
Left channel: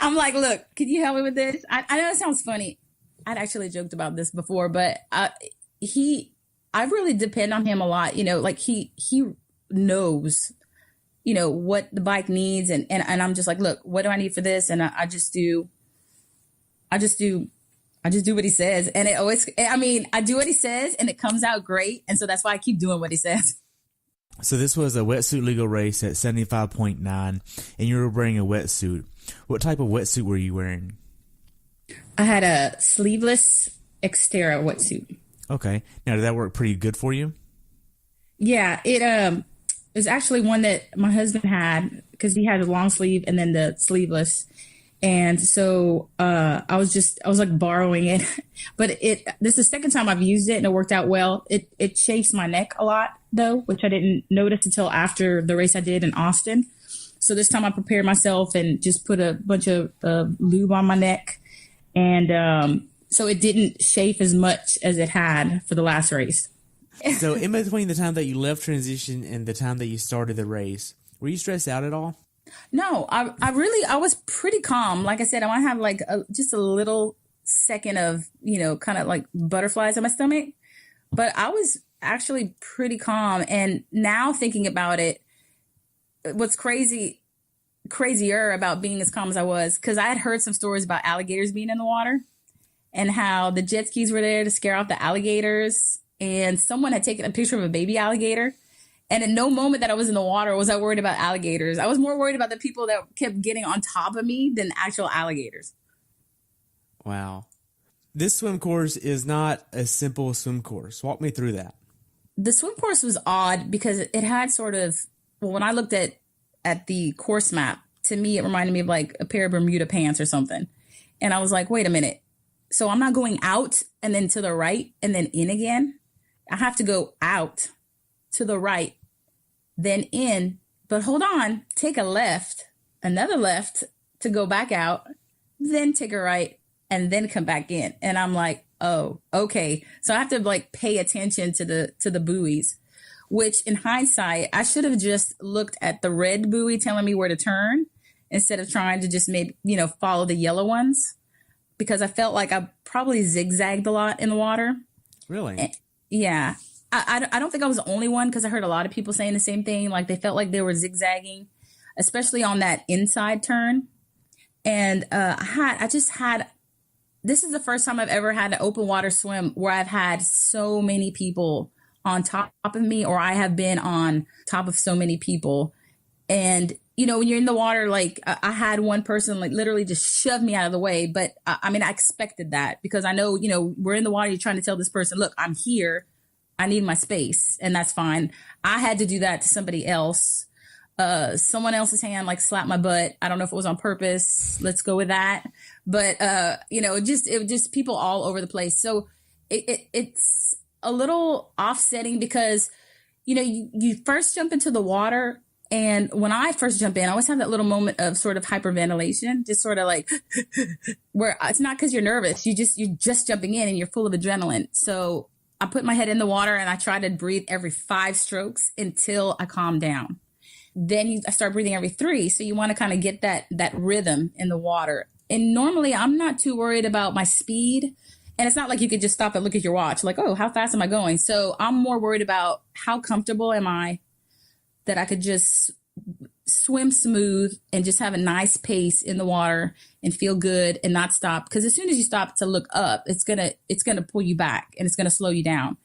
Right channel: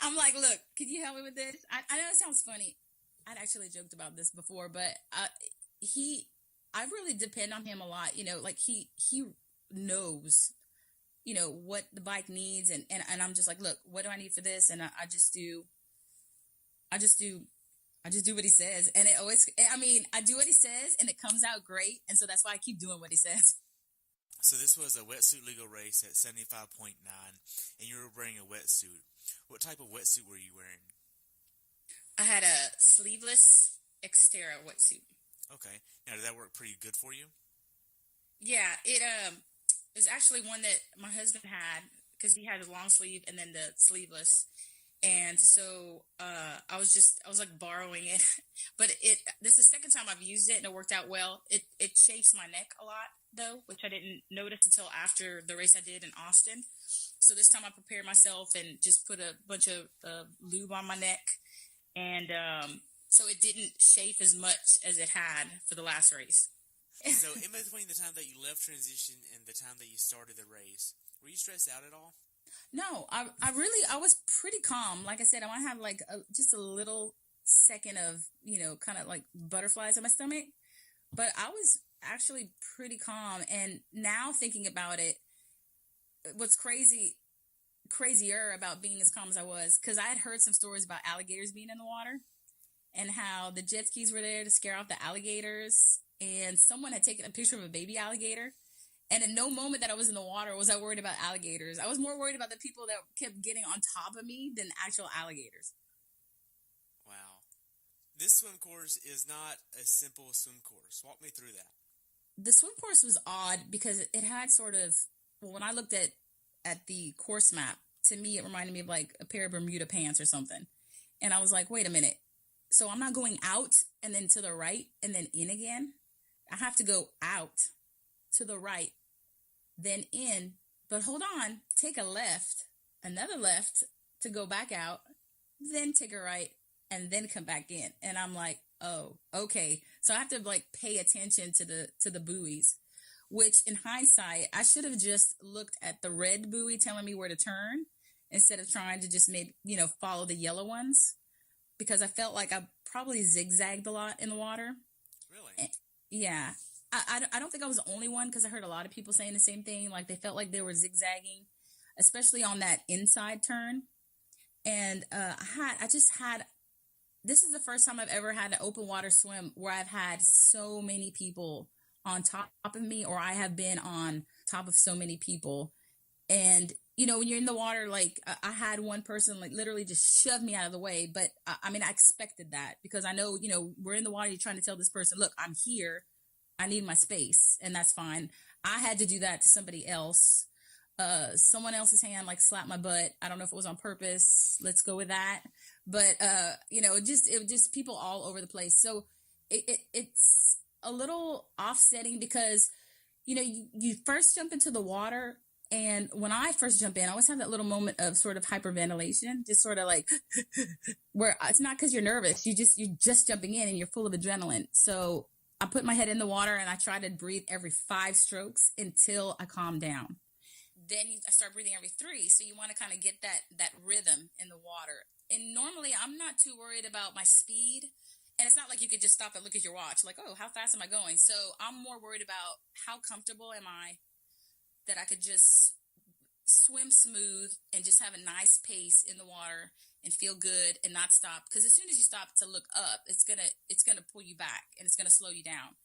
I'm like, look, can you help me with this? I know it sounds funny. I'd actually joked about this before, but I really depend on him a lot. You know, like he knows, you know, what the bike needs. And I'm just like, look, what do I need for this? And I just do what he says. And it always, I mean, I do what he says and it comes out great. And so that's why I keep doing what he says. So this was a wetsuit legal race at 75.9 and you were wearing a wetsuit. What type of wetsuit were you wearing? I had a sleeveless Xterra wetsuit. Okay. Now, did that work pretty good for you? Yeah, it was actually one that my husband had because he had a long sleeve and then the sleeveless. And so I was like borrowing it, but this is the second time I've used it and it worked out well. It chafes my neck a lot though, which I didn't notice until after the race I did in Austin. So this time I prepared myself and just put a bunch of lube on my neck. And so it didn't chafe as much as it had for the last race. So in between the time that you left transition and the time that you started the race, were you stressed out at all? No, I was pretty calm. Like I said, I want to have like just a little second of, you know, kind of like butterflies in my stomach, but I was actually pretty calm. And now thinking about it, what's crazier about being as calm as I was, because I had heard some stories about alligators being in the water and how the jet skis were there to scare off the alligators. And someone had taken a picture of a baby alligator. And at no moment that I was in the water was I worried about alligators. I was more worried about the people that kept getting on top of me than actual alligators. Wow. This swim course is not a simple swim course. Walk me through that. The swim course was odd because it had sort of, well, when I looked at the course map, to me, it reminded me of like a pair of Bermuda pants or something. And I was like, wait a minute. So I'm not going out and then to the right and then in again. I have to go out to the right, then in, but hold on, take a left, another left to go back out, then take a right and then come back in. And I'm like, oh, okay. So I have to like pay attention to the buoys, which in hindsight, I should have just looked at the red buoy telling me where to turn instead of trying to just maybe, you know, follow the yellow ones, because I felt like I probably zigzagged a lot in the water. Really? Yeah. I don't think I was the only one, because I heard a lot of people saying the same thing. Like they felt like they were zigzagging, especially on that inside turn. And this is the first time I've ever had an open water swim where I've had so many people on top of me, or I have been on top of so many people. And, you know, when you're in the water, like I had one person like literally just shove me out of the way. But I mean, I expected that because I know, you know, we're in the water. You're trying to tell this person, look, I'm here. I need my space, and that's fine. I had to do that to somebody else. Someone else's hand like slapped my butt. I don't know if it was on purpose. Let's go with that. But you know, it was just people all over the place. So it's a little offsetting because, you know, you first jump into the water, and when I first jump in, I always have that little moment of sort of hyperventilation, just sort of like where it's not because you're nervous. You're just jumping in and you're full of adrenaline. So I put my head in the water and I try to breathe every 5 strokes until I calm down. Then I start breathing every 3. So you want to kind of get that rhythm in the water. And normally I'm not too worried about my speed. And it's not like you could just stop and look at your watch like, oh, how fast am I going? So I'm more worried about how comfortable am I that I could just swim smooth and just have a nice pace in the water and feel good and not stop. Because as soon as you stop to look up, it's gonna pull you back and it's gonna slow you down.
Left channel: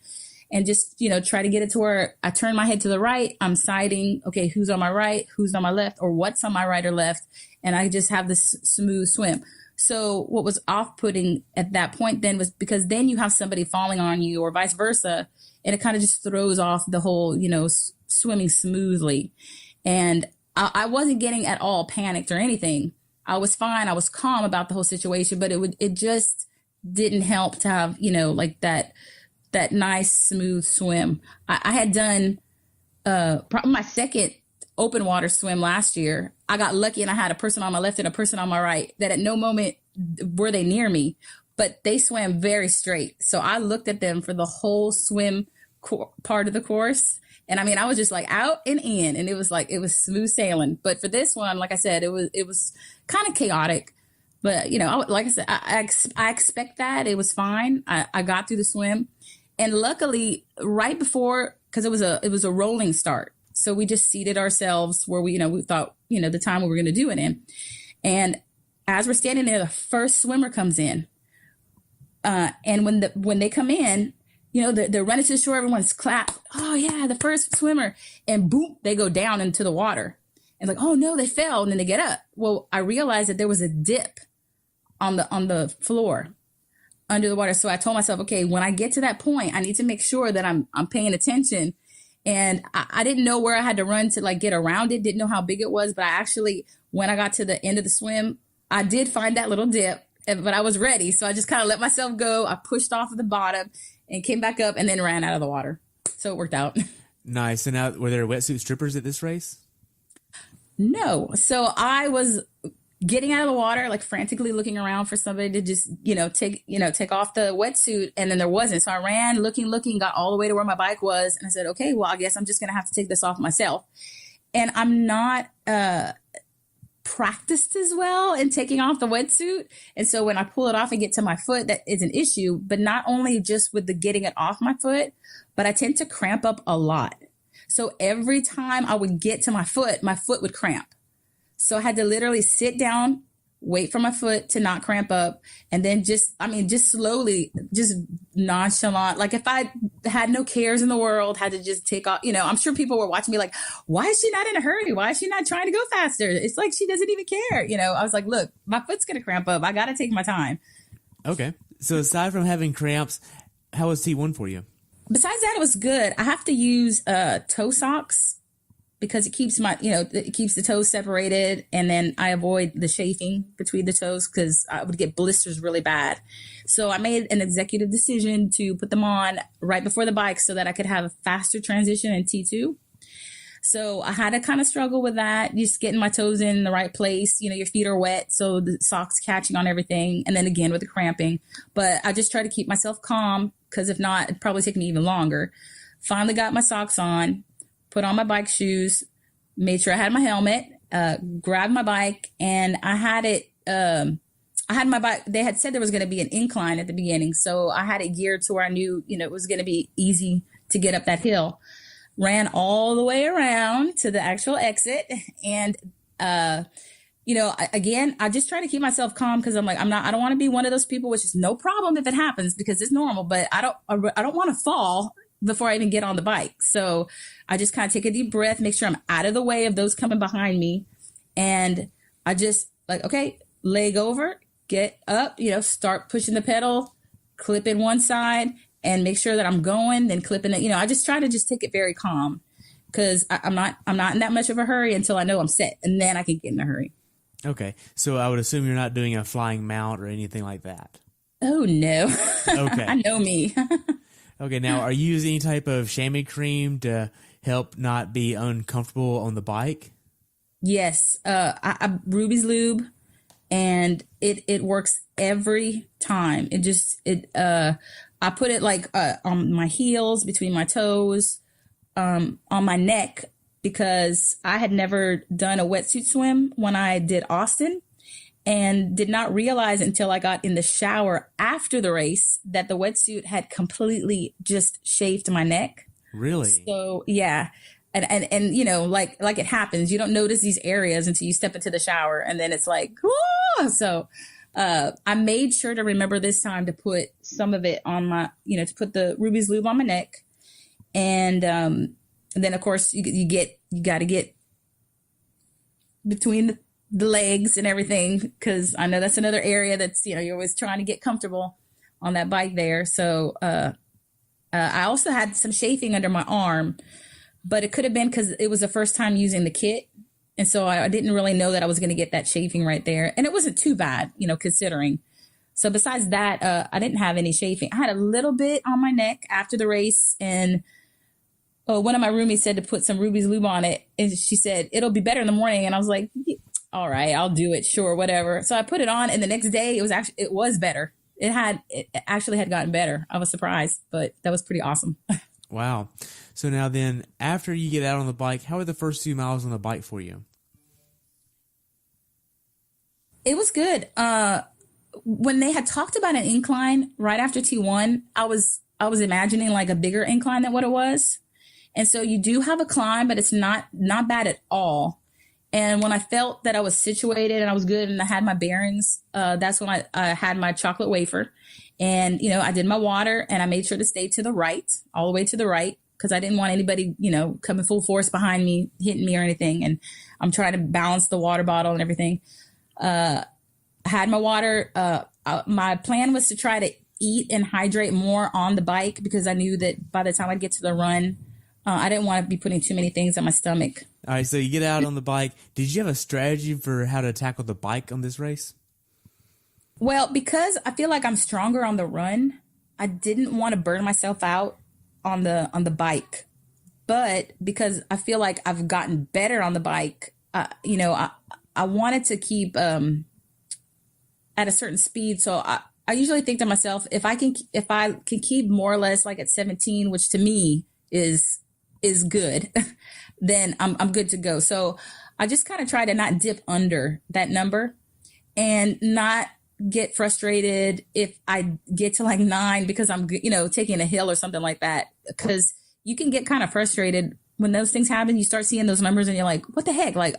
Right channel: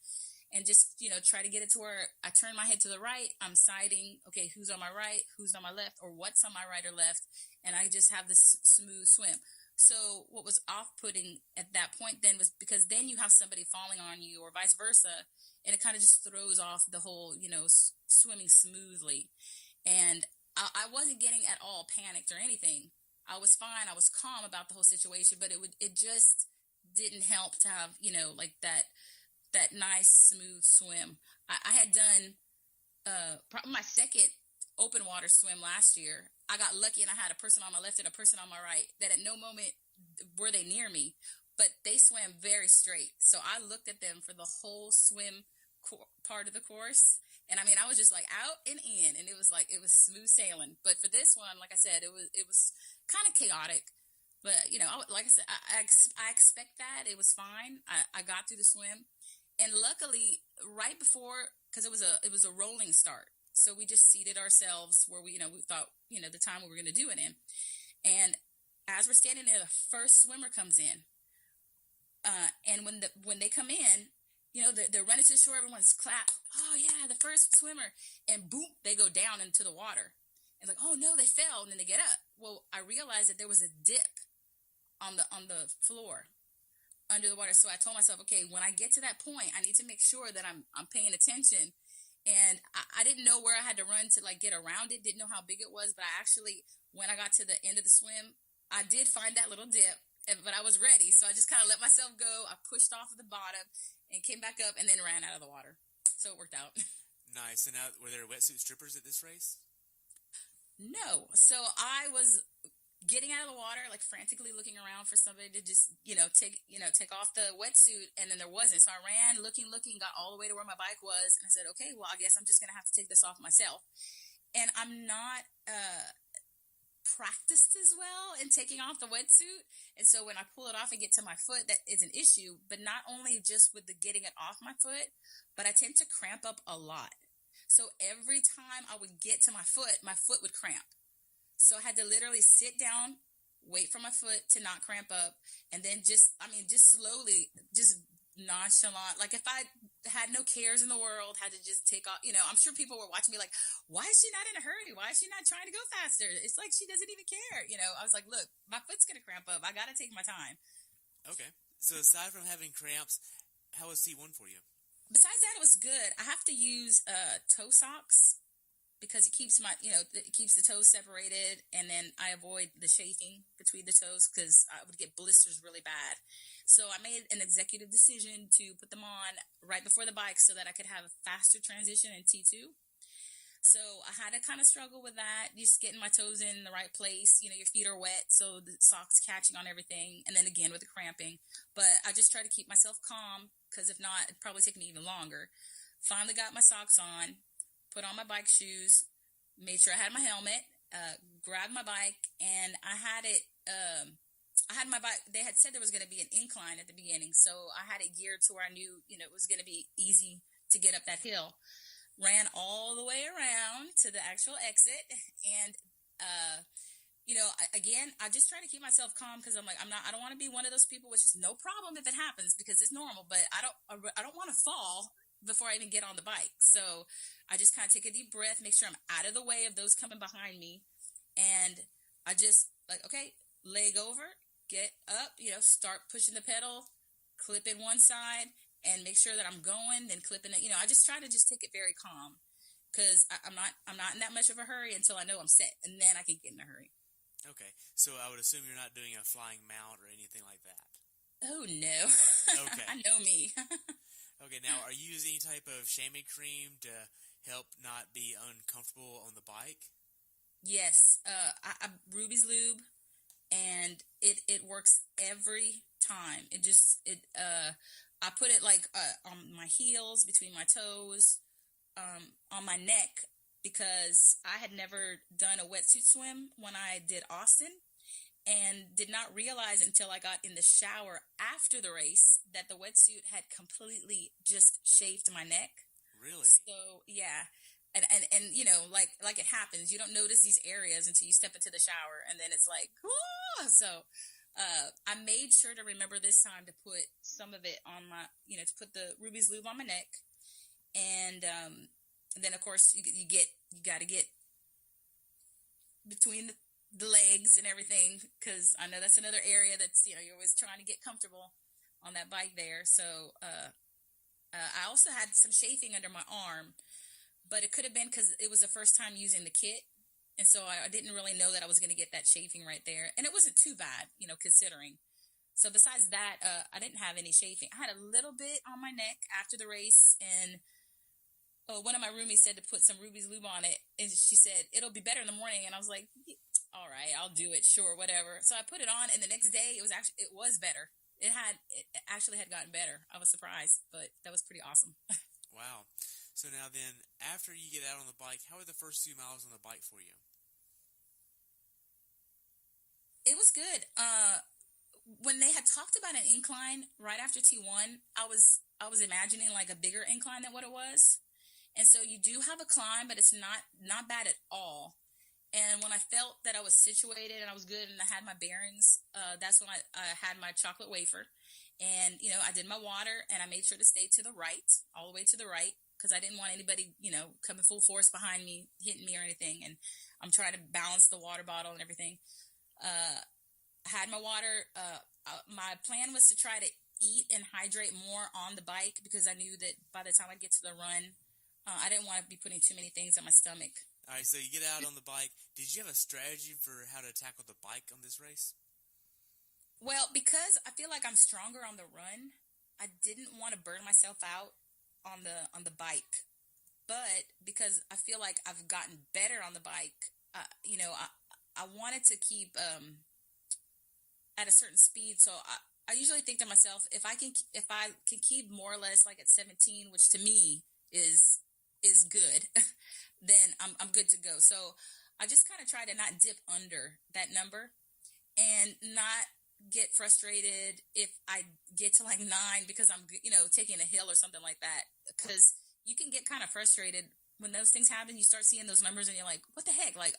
And just, you know, try to get it to where I turn my head to the right. I'm sighting, okay, who's on my right, who's on my left, or what's on my right or left. And I just have this smooth swim. So what was off-putting at that point then was because then you have somebody falling on you or vice versa. And it kind of just throws off the whole, you know, swimming smoothly. And I wasn't getting at all panicked or anything. I was fine. I was calm about the whole situation, but it just didn't help to have, like that nice smooth swim. I had done probably my second open water swim last year. I got lucky and I had a person on my left and a person on my right that at no moment were they near me, but they swam very straight. So I looked at them for the whole swim part of the course. And I mean, I was just like out and in, and it was smooth sailing. But for this one, like I said, it was kind of chaotic. But, like I said, I expect that. It was fine. I got through the swim. And luckily, right before, because it was a rolling start. So we just seated ourselves where we thought, the time we were going to do it in. And as we're standing there, the first swimmer comes in. And when they come in, they're running to the shore, everyone's clapped. Oh yeah, the first swimmer. And boom, they go down into the water. And like, oh no, they fell. And then they get up. Well, I realized that there was a dip on the floor under the water. So I told myself, okay, when I get to that point, I need to make sure that I'm paying attention. And I didn't know where I had to run to like get around it. Didn't know how big it was. But I actually, when I got to the end of the swim, I did find that little dip, but I was ready. So I just kind of let myself go. I pushed off of the bottom and came back up and then ran out of the water. So it worked out. Nice. And now, were there wetsuit strippers at this race? No. So I was getting out of the water, like frantically looking around for somebody to just, take off the wetsuit. And then there wasn't. So I ran looking, got all the way to where my bike was. And I said, okay, well, I guess I'm just going to have to take this off myself. And I'm not practiced as well in taking off the wetsuit. And so when I pull it off and get to my foot, that is an issue. But not only just with the getting it off my foot, but I tend to cramp up a lot. So every time I would get to my foot would cramp. So I had to literally sit down, wait for my foot to not cramp up, and then just slowly, just nonchalant. Like if I had no cares in the world, had to just take off, I'm sure people were watching me like, why is she not in a hurry? Why is she not trying to go faster? It's like she doesn't even care. I was like, look, my foot's going to cramp up. I got to take my time. Okay. So aside from having cramps, how was T1 for you? Besides that, it was good. I have to use toe socks because it keeps it keeps the toes separated, and then I avoid the chafing between the toes because I would get blisters really bad. So I made an executive decision to put them on right before the bike so that I could have a faster transition in T2. So I had to kind of struggle with that, just getting my toes in the right place. Your feet are wet, so the socks catching on everything. And then again with the cramping. But I just try to keep myself calm because if not, it'd probably take me even longer. Finally got my socks on, put on my bike shoes, made sure I had my helmet, grabbed my bike, and I had it. I had my bike. They had said there was going to be an incline at the beginning. So I had it geared to where I knew, it was going to be easy to get up that hill. Ran all the way around to the actual exit. And, again, I just try to keep myself calm because I'm like, I don't want to be one of those people, which is no problem if it happens because it's normal, but I don't want to fall before I even get on the bike. So I just kind of take a deep breath, make sure I'm out of the way of those coming behind me. And I just like, okay, leg over, get up, start pushing the pedal, clip in one side, and make sure that I'm going, then clipping it. I just try to just take it very calm because I'm not in that much of a hurry until I know I'm set, and then I can get in a hurry. Okay. So I would assume you're not doing a flying mount or anything like that. Oh, no. Okay. I know me. Okay. Now, are you using any type of chamois cream to help not be uncomfortable on the bike? Yes. I Ruby's Lube, and it works every time. I put it like on my heels, between my toes, on my neck, because I had never done a wetsuit swim when I did Austin and did not realize until I got in the shower after the race that the wetsuit had completely just shaved my neck. Really? So, yeah. And like it happens. You don't notice these areas until you step into the shower, and then it's like, whoa! So I made sure to remember this time to put some of it on my, to put the Ruby's Lube on my neck. And then of course you got to get between the legs and everything. Cause I know that's another area that's, you're always trying to get comfortable on that bike there. So, I also had some chafing under my arm, but it could have been because it was the first time using the kit. And so I didn't really know that I was going to get that chafing right there. And it wasn't too bad, considering. So besides that, I didn't have any chafing. I had a little bit on my neck after the race. And one of my roomies said to put some Ruby's Lube on it. And she said, it'll be better in the morning. And I was like, all right, I'll do it. Sure, whatever. So I put it on. And the next day it was better. It actually had gotten better. I was surprised, but that was pretty awesome. Wow. So now then, after you get out on the bike, how are the first few miles on the bike for you? It was good. When they had talked about an incline right after T1, I was imagining like a bigger incline than what it was. And so you do have a climb, but it's not bad at all. And when I felt that I was situated and I was good and I had my bearings, that's when I had my chocolate wafer. And, I did my water and I made sure to stay to the right, all the way to the right, because I didn't want anybody, coming full force behind me, hitting me or anything. And I'm trying to balance the water bottle and everything. I had my water. My plan was to try to eat and hydrate more on the bike because I knew that by the time I get to the run, I didn't want to be putting too many things in my stomach. All right, so you get out on the bike. Did you have a strategy for how to tackle the bike on this race? Well, because I feel like I'm stronger on the run, I didn't want to burn myself out on the bike. But because I feel like I've gotten better on the bike, I wanted to keep at a certain speed. So I usually think to myself, if I can keep more or less like at 17, which to me is good, then I'm good to go. So I just kind of try to not dip under that number and not get frustrated if I get to like 9 because I'm, taking a hill or something like that. Because you can get kind of frustrated when those things happen. You start seeing those numbers and you're like, what the heck? Like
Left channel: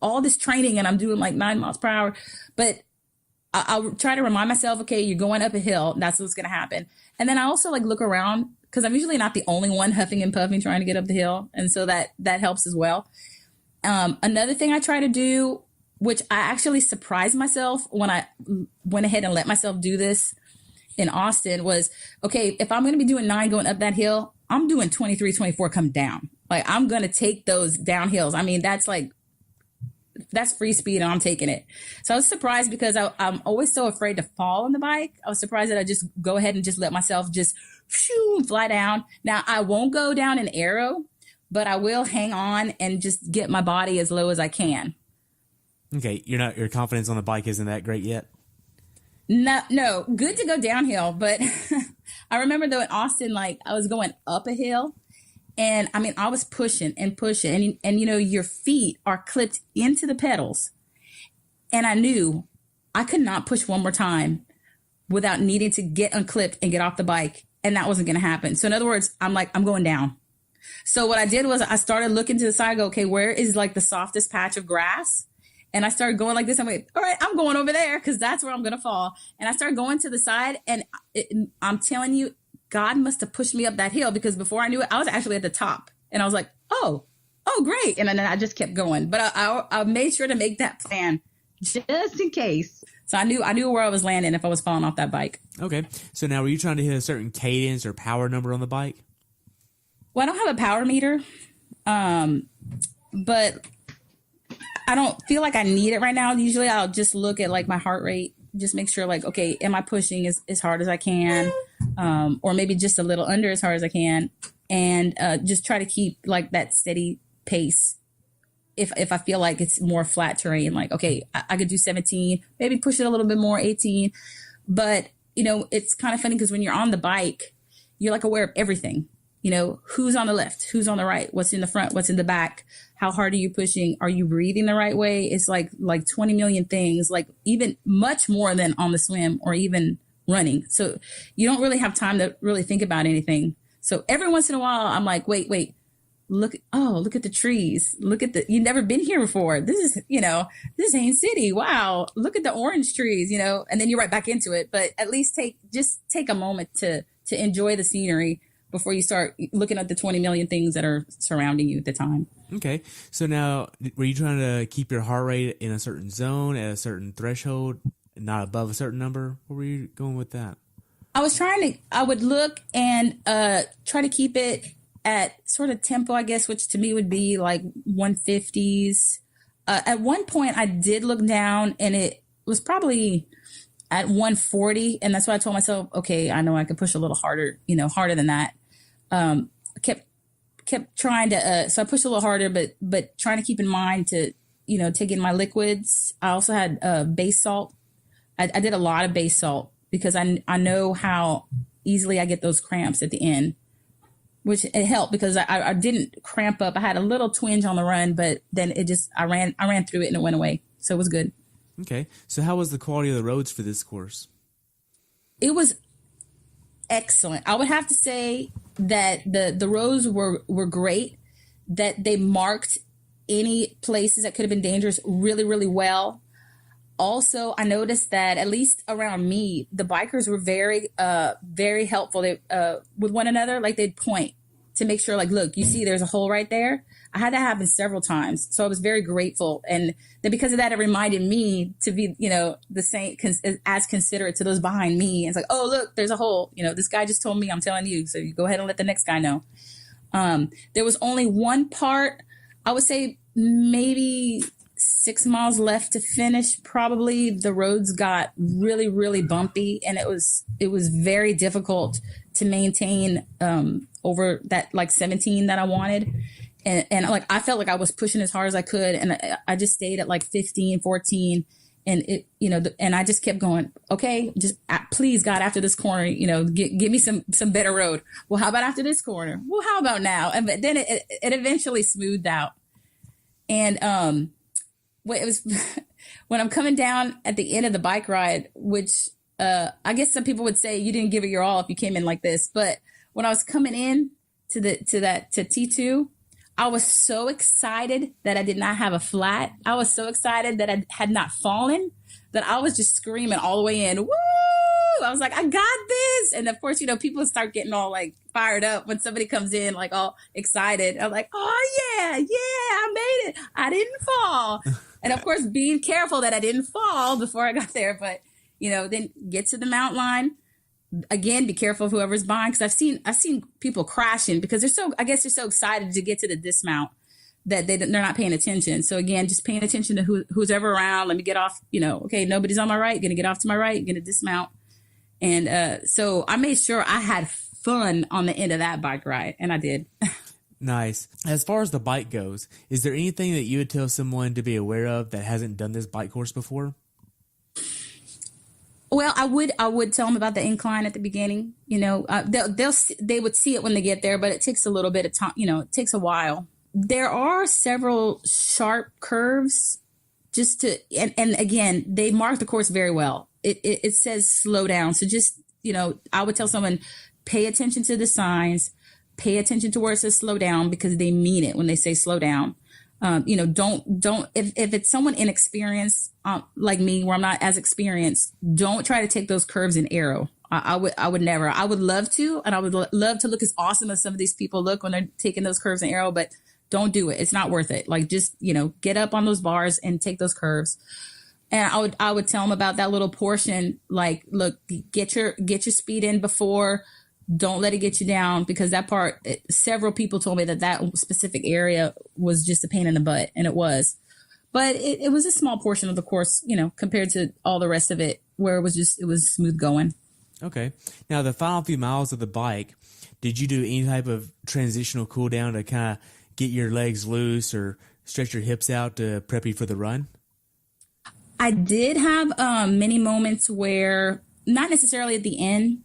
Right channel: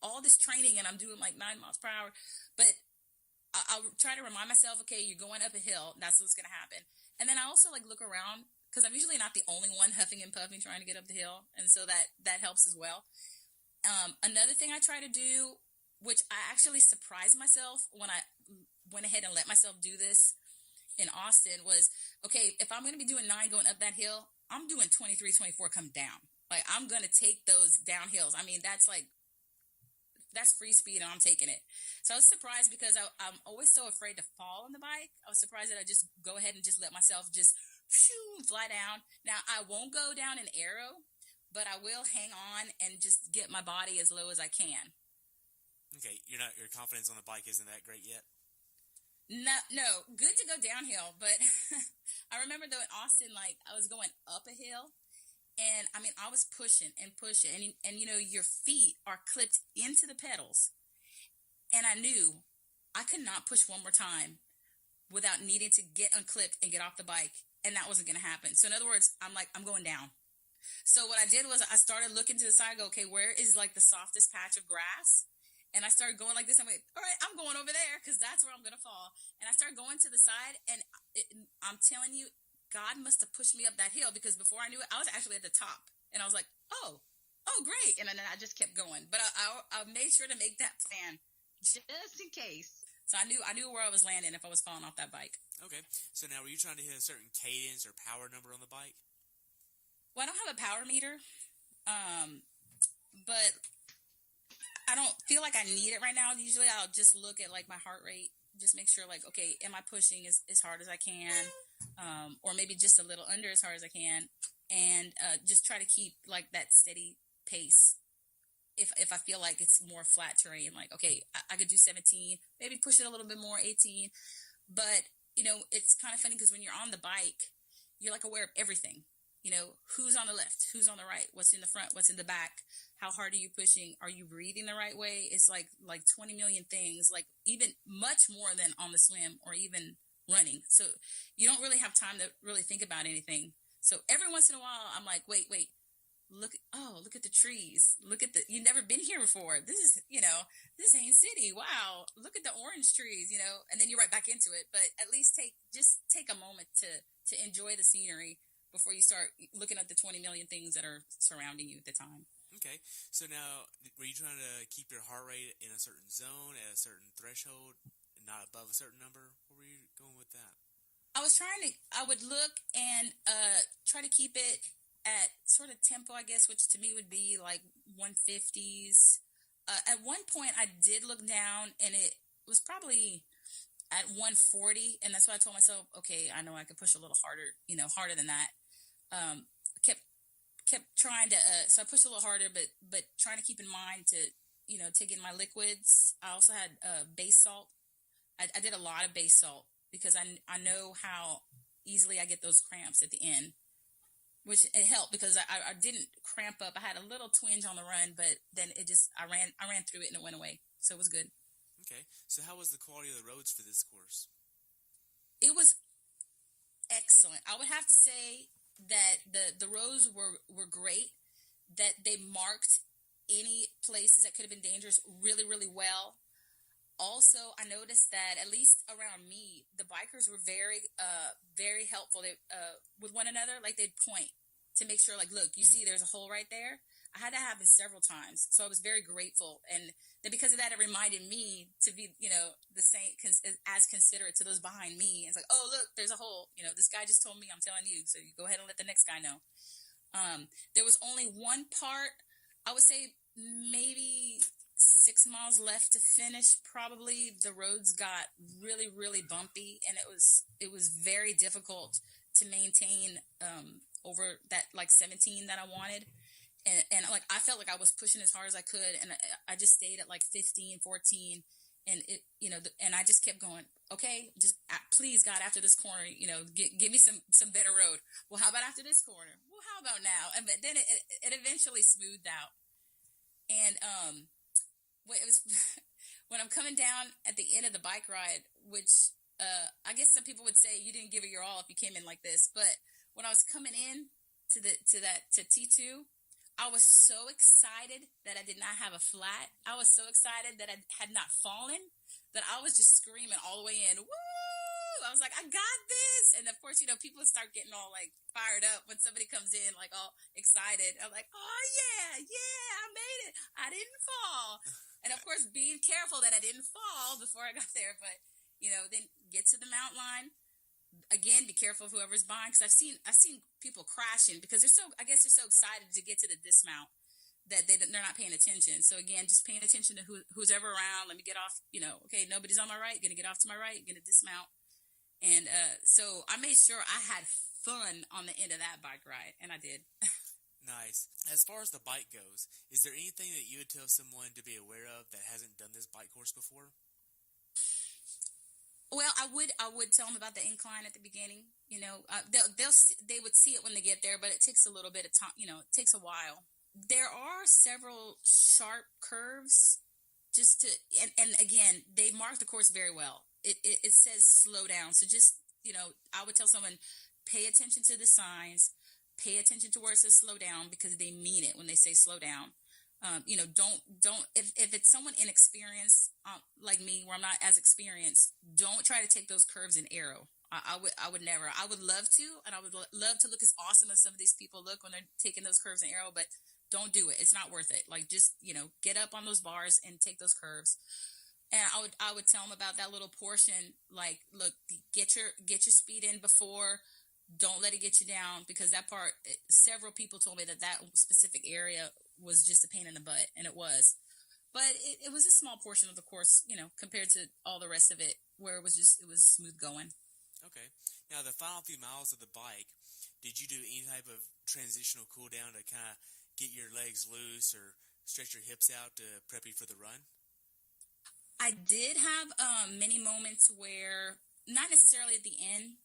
all this training and I'm doing like 9 miles per hour. But I'll try to remind myself, okay, you're going up a hill. That's what's going to happen. And then I also like look around because I'm usually not the only one huffing and puffing trying to get up the hill. And so that helps as well. Another thing I try to do, which I actually surprised myself when I went ahead and let myself do this in Austin, was, okay, if I'm going to be doing 9 going up that hill, I'm doing 23, 24 come down. Like I'm going to take those down hills. I mean, that's free speed and I'm taking it. So I was surprised because I'm always so afraid to fall on the bike. I was surprised that I just go ahead and just let myself just fly down. Now I won't go down an arrow, but I will hang on and just get my body as low as I can. Okay. Your confidence on the bike isn't that great yet? No, good to go downhill. But I remember though in Austin, like I was going up a hill. And I mean, I was pushing and pushing and your feet are clipped into the pedals. And I knew I could not push one more time without needing to get unclipped and get off the bike. And that wasn't going to happen. So in other words, I'm going down. So what I did was I started looking to the side, okay, where is like the softest patch of grass? And I started going like this. I'm like, all right, I'm going over there because that's where I'm going to fall. And I started going to the side and I'm telling you, God must have pushed me up that hill because before I knew it, I was actually at the top and I was like, oh, great. And then I just kept going. But I made sure to make that plan just in case. So I knew where I was landing if I was falling off that bike. Okay. So now were you trying to hit a certain cadence or power number on the bike? Well, I don't have a power meter, but I don't feel like I need it right now. Usually I'll just look at like my heart rate, just make sure like, okay, am I pushing as hard as I can? Or maybe just a little under as hard as I can. And just try to keep like that steady pace. If I feel like it's more flat terrain, like, okay, I could do 17, maybe push it a little bit more, 18. But, it's kind of funny because when you're on the bike, you're like aware of everything. Who's on the left, who's on the right, what's in the front, what's in the back, how hard are you pushing? Are you breathing the right way? It's like 20 million things, like even much more than on the swim or even running. So you don't really have time to really think about anything. So every once in a while, I'm like, wait, look at the trees. You've never been here before. This is Haines City. Wow. Look at the orange trees, and then you're right back into it. But at least take a moment to enjoy the scenery before you start looking at the 20 million things that are surrounding you at the time. Okay. So now, were you trying to keep your heart rate in a certain zone at a certain threshold, not above a certain number? Where were you going with that? I would look and try to keep it at sort of tempo, I guess, which to me would be like 150s. At one point, I did look down, and it was probably at 140, and that's why I told myself, okay, I know I could push a little harder, harder than that. I kept trying to, so I pushed a little harder, but trying to keep in mind to, take in my liquids. I also had base salt. I did a lot of base salt because I know how easily I get those cramps at the end, which it helped because I didn't cramp up. I had a little twinge on the run, but then I ran through it and it went away. So it was good. Okay. So how was the quality of the roads for this course? It was excellent. I would have to say that the roads were great, that they marked any places that could have been dangerous really, really well. Also, I noticed that at least around me, the bikers were very, very helpful with one another. Like they'd point to make sure, like, look, you see there's a hole right there. I had that happen several times. So I was very grateful. And then because of that, it reminded me to be, the same, as considerate to those behind me. And it's like, oh, look, there's a hole. This guy just told me, I'm telling you. So you go ahead and let the next guy know. There was only one part, I would say maybe 6 miles left to finish. Probably the roads got really, really bumpy, and it was very difficult to maintain over that like 17 that I wanted. And like, I felt like I was pushing as hard as I could. And I just stayed at like 15, 14. And it, and I just kept going, okay, just please God, after this corner, give me some better road. Well, how about after this corner? Well, how about now? And then it eventually smoothed out. And, it was when I'm coming down at the end of the bike ride, which, I guess some people would say you didn't give it your all if you came in like this. But when I was coming in to T2, I was so excited that I did not have a flat. I was so excited that I had not fallen that I was just screaming all the way in. Woo! I was like, I got this. And of course, people start getting all like fired up when somebody comes in like all excited. I'm like, oh yeah, I made it. I didn't fall. And of course, being careful that I didn't fall before I got there. But, then get to the mountain line. Again, be careful of whoever's behind, because I've seen people crashing because they're so excited to get to the dismount that they're not paying attention. So again, just paying attention to who's ever around. Let me get off, okay, nobody's on my right, gonna get off to my right, gonna dismount. And so I made sure I had fun on the end of that bike ride, and I did. Nice. As far as the bike goes, is there anything that you would tell someone to be aware of that hasn't done this bike course before? Well, I would tell them about the incline at the beginning. They would see it when they get there, but it takes a little bit of time. It takes a while. There are several sharp curves, and again, they mark the course very well. It says slow down, so just I would tell someone, pay attention to the signs, pay attention to where it says slow down, because they mean it when they say slow down. Don't if it's someone inexperienced like me, where I'm not as experienced, don't try to take those curves in arrow. I would never. I would love to, and I would love to look as awesome as some of these people look when they're taking those curves in arrow, but don't do it. It's not worth it. Like, just get up on those bars and take those curves. And I would tell them about that little portion. Like, look, get your speed in before. Don't let it get you down, because that part, several people told me that specific area was just a pain in the butt, and it was. But it was a small portion of the course, compared to all the rest of it, where it was smooth going. Okay. Now, the final few miles of the bike, did you do any type of transitional cool down to kind of get your legs loose or stretch your hips out to prep you for the run? I did have many moments where, not necessarily at the end,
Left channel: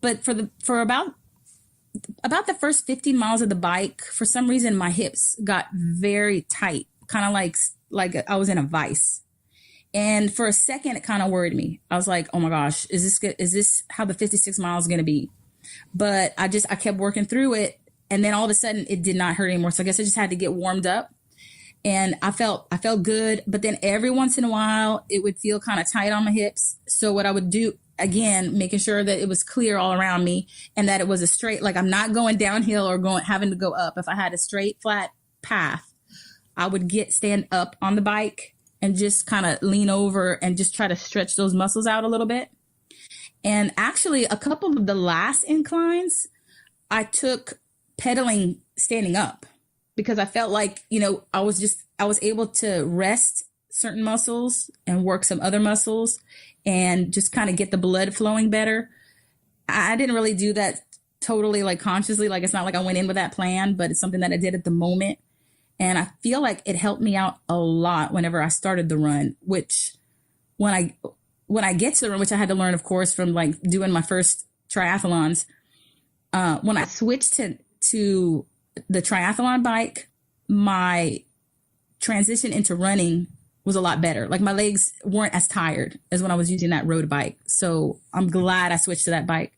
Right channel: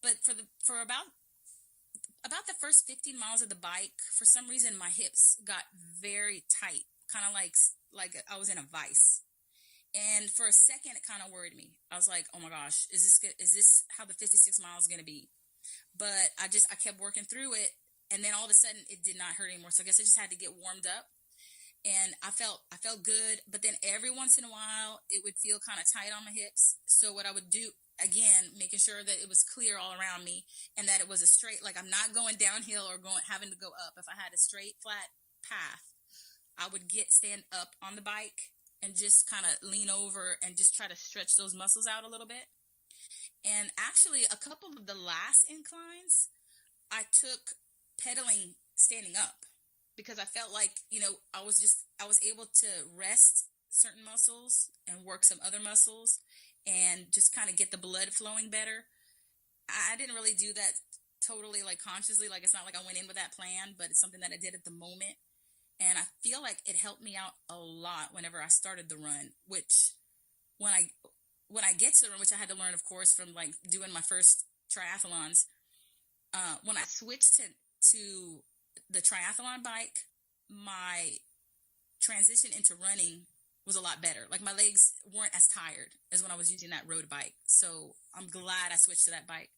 but for about the first 15 miles of the bike, for some reason, my hips got very tight, kind of like I was in a vice. And for a second, it kind of worried me. I was like, oh my gosh, is this how the 56 miles is going to be? But I kept working through it. And then all of a sudden it did not hurt anymore. So I guess I just had to get warmed up, and I felt good. But then every once in a while it would feel kind of tight on my hips. So what I would do, again, making sure that it was clear all around me and that it was a straight, like I'm not going downhill or having to go up. If I had a straight, flat path, I would stand up on the bike and just kind of lean over and just try to stretch those muscles out a little bit. And actually, a couple of the last inclines, I took pedaling standing up because I felt like, I was able to rest certain muscles and work some other muscles and just kind of get the blood flowing better. I didn't really do that totally like consciously. Like, it's not like I went in with that plan, but it's something that I did at the moment. And I feel like it helped me out a lot whenever I started the run, which when I get to the run, which I had to learn, of course, from like doing my first triathlons, when I switched to the triathlon bike, my transition into running was a lot better. Like, my legs weren't as tired as when I was using that road bike. So I'm glad I switched to that bike.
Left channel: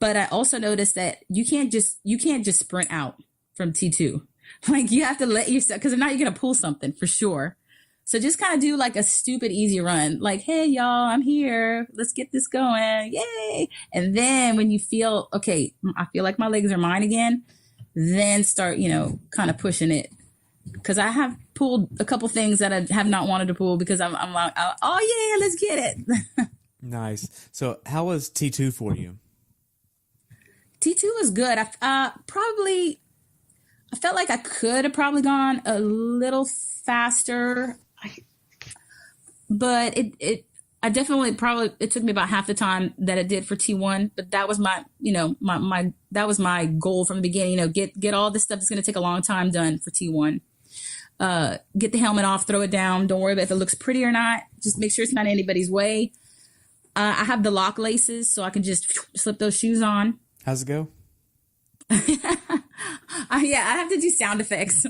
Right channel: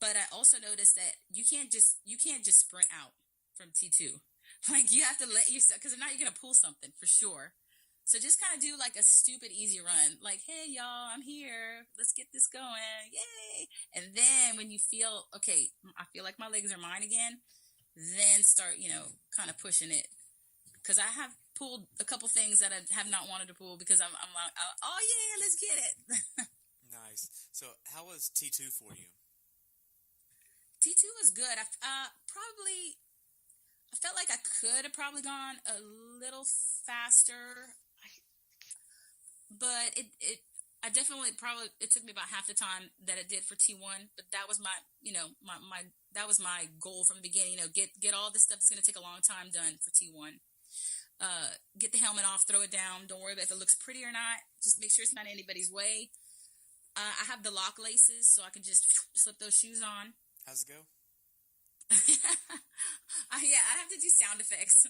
But I also noticed that you can't just sprint out from T2. Like, you have to let yourself, because if not, you're going to pull something for sure. So just kind of do like a stupid easy run. Like, hey, y'all, I'm here. Let's get this going. Yay. And then when you feel, okay, I feel like my legs are mine again, then start, kind of pushing it. Because I have pulled a couple things that I have not wanted to pull because I'm like, oh, yeah, let's get it. Nice. So how was T2 for you? T2 was good. I felt like I could have probably gone a little faster, but I definitely it took me about half the time that it did for T1, but that was my that was my goal from the beginning, get all this stuff that's going to take a long time done for T1. Get the helmet off, throw it down. Don't worry about if it looks pretty or not. Just make sure it's not in anybody's way. I have the lock laces, so I can just slip those shoes on. How's it go? Yeah, I have to do sound effects.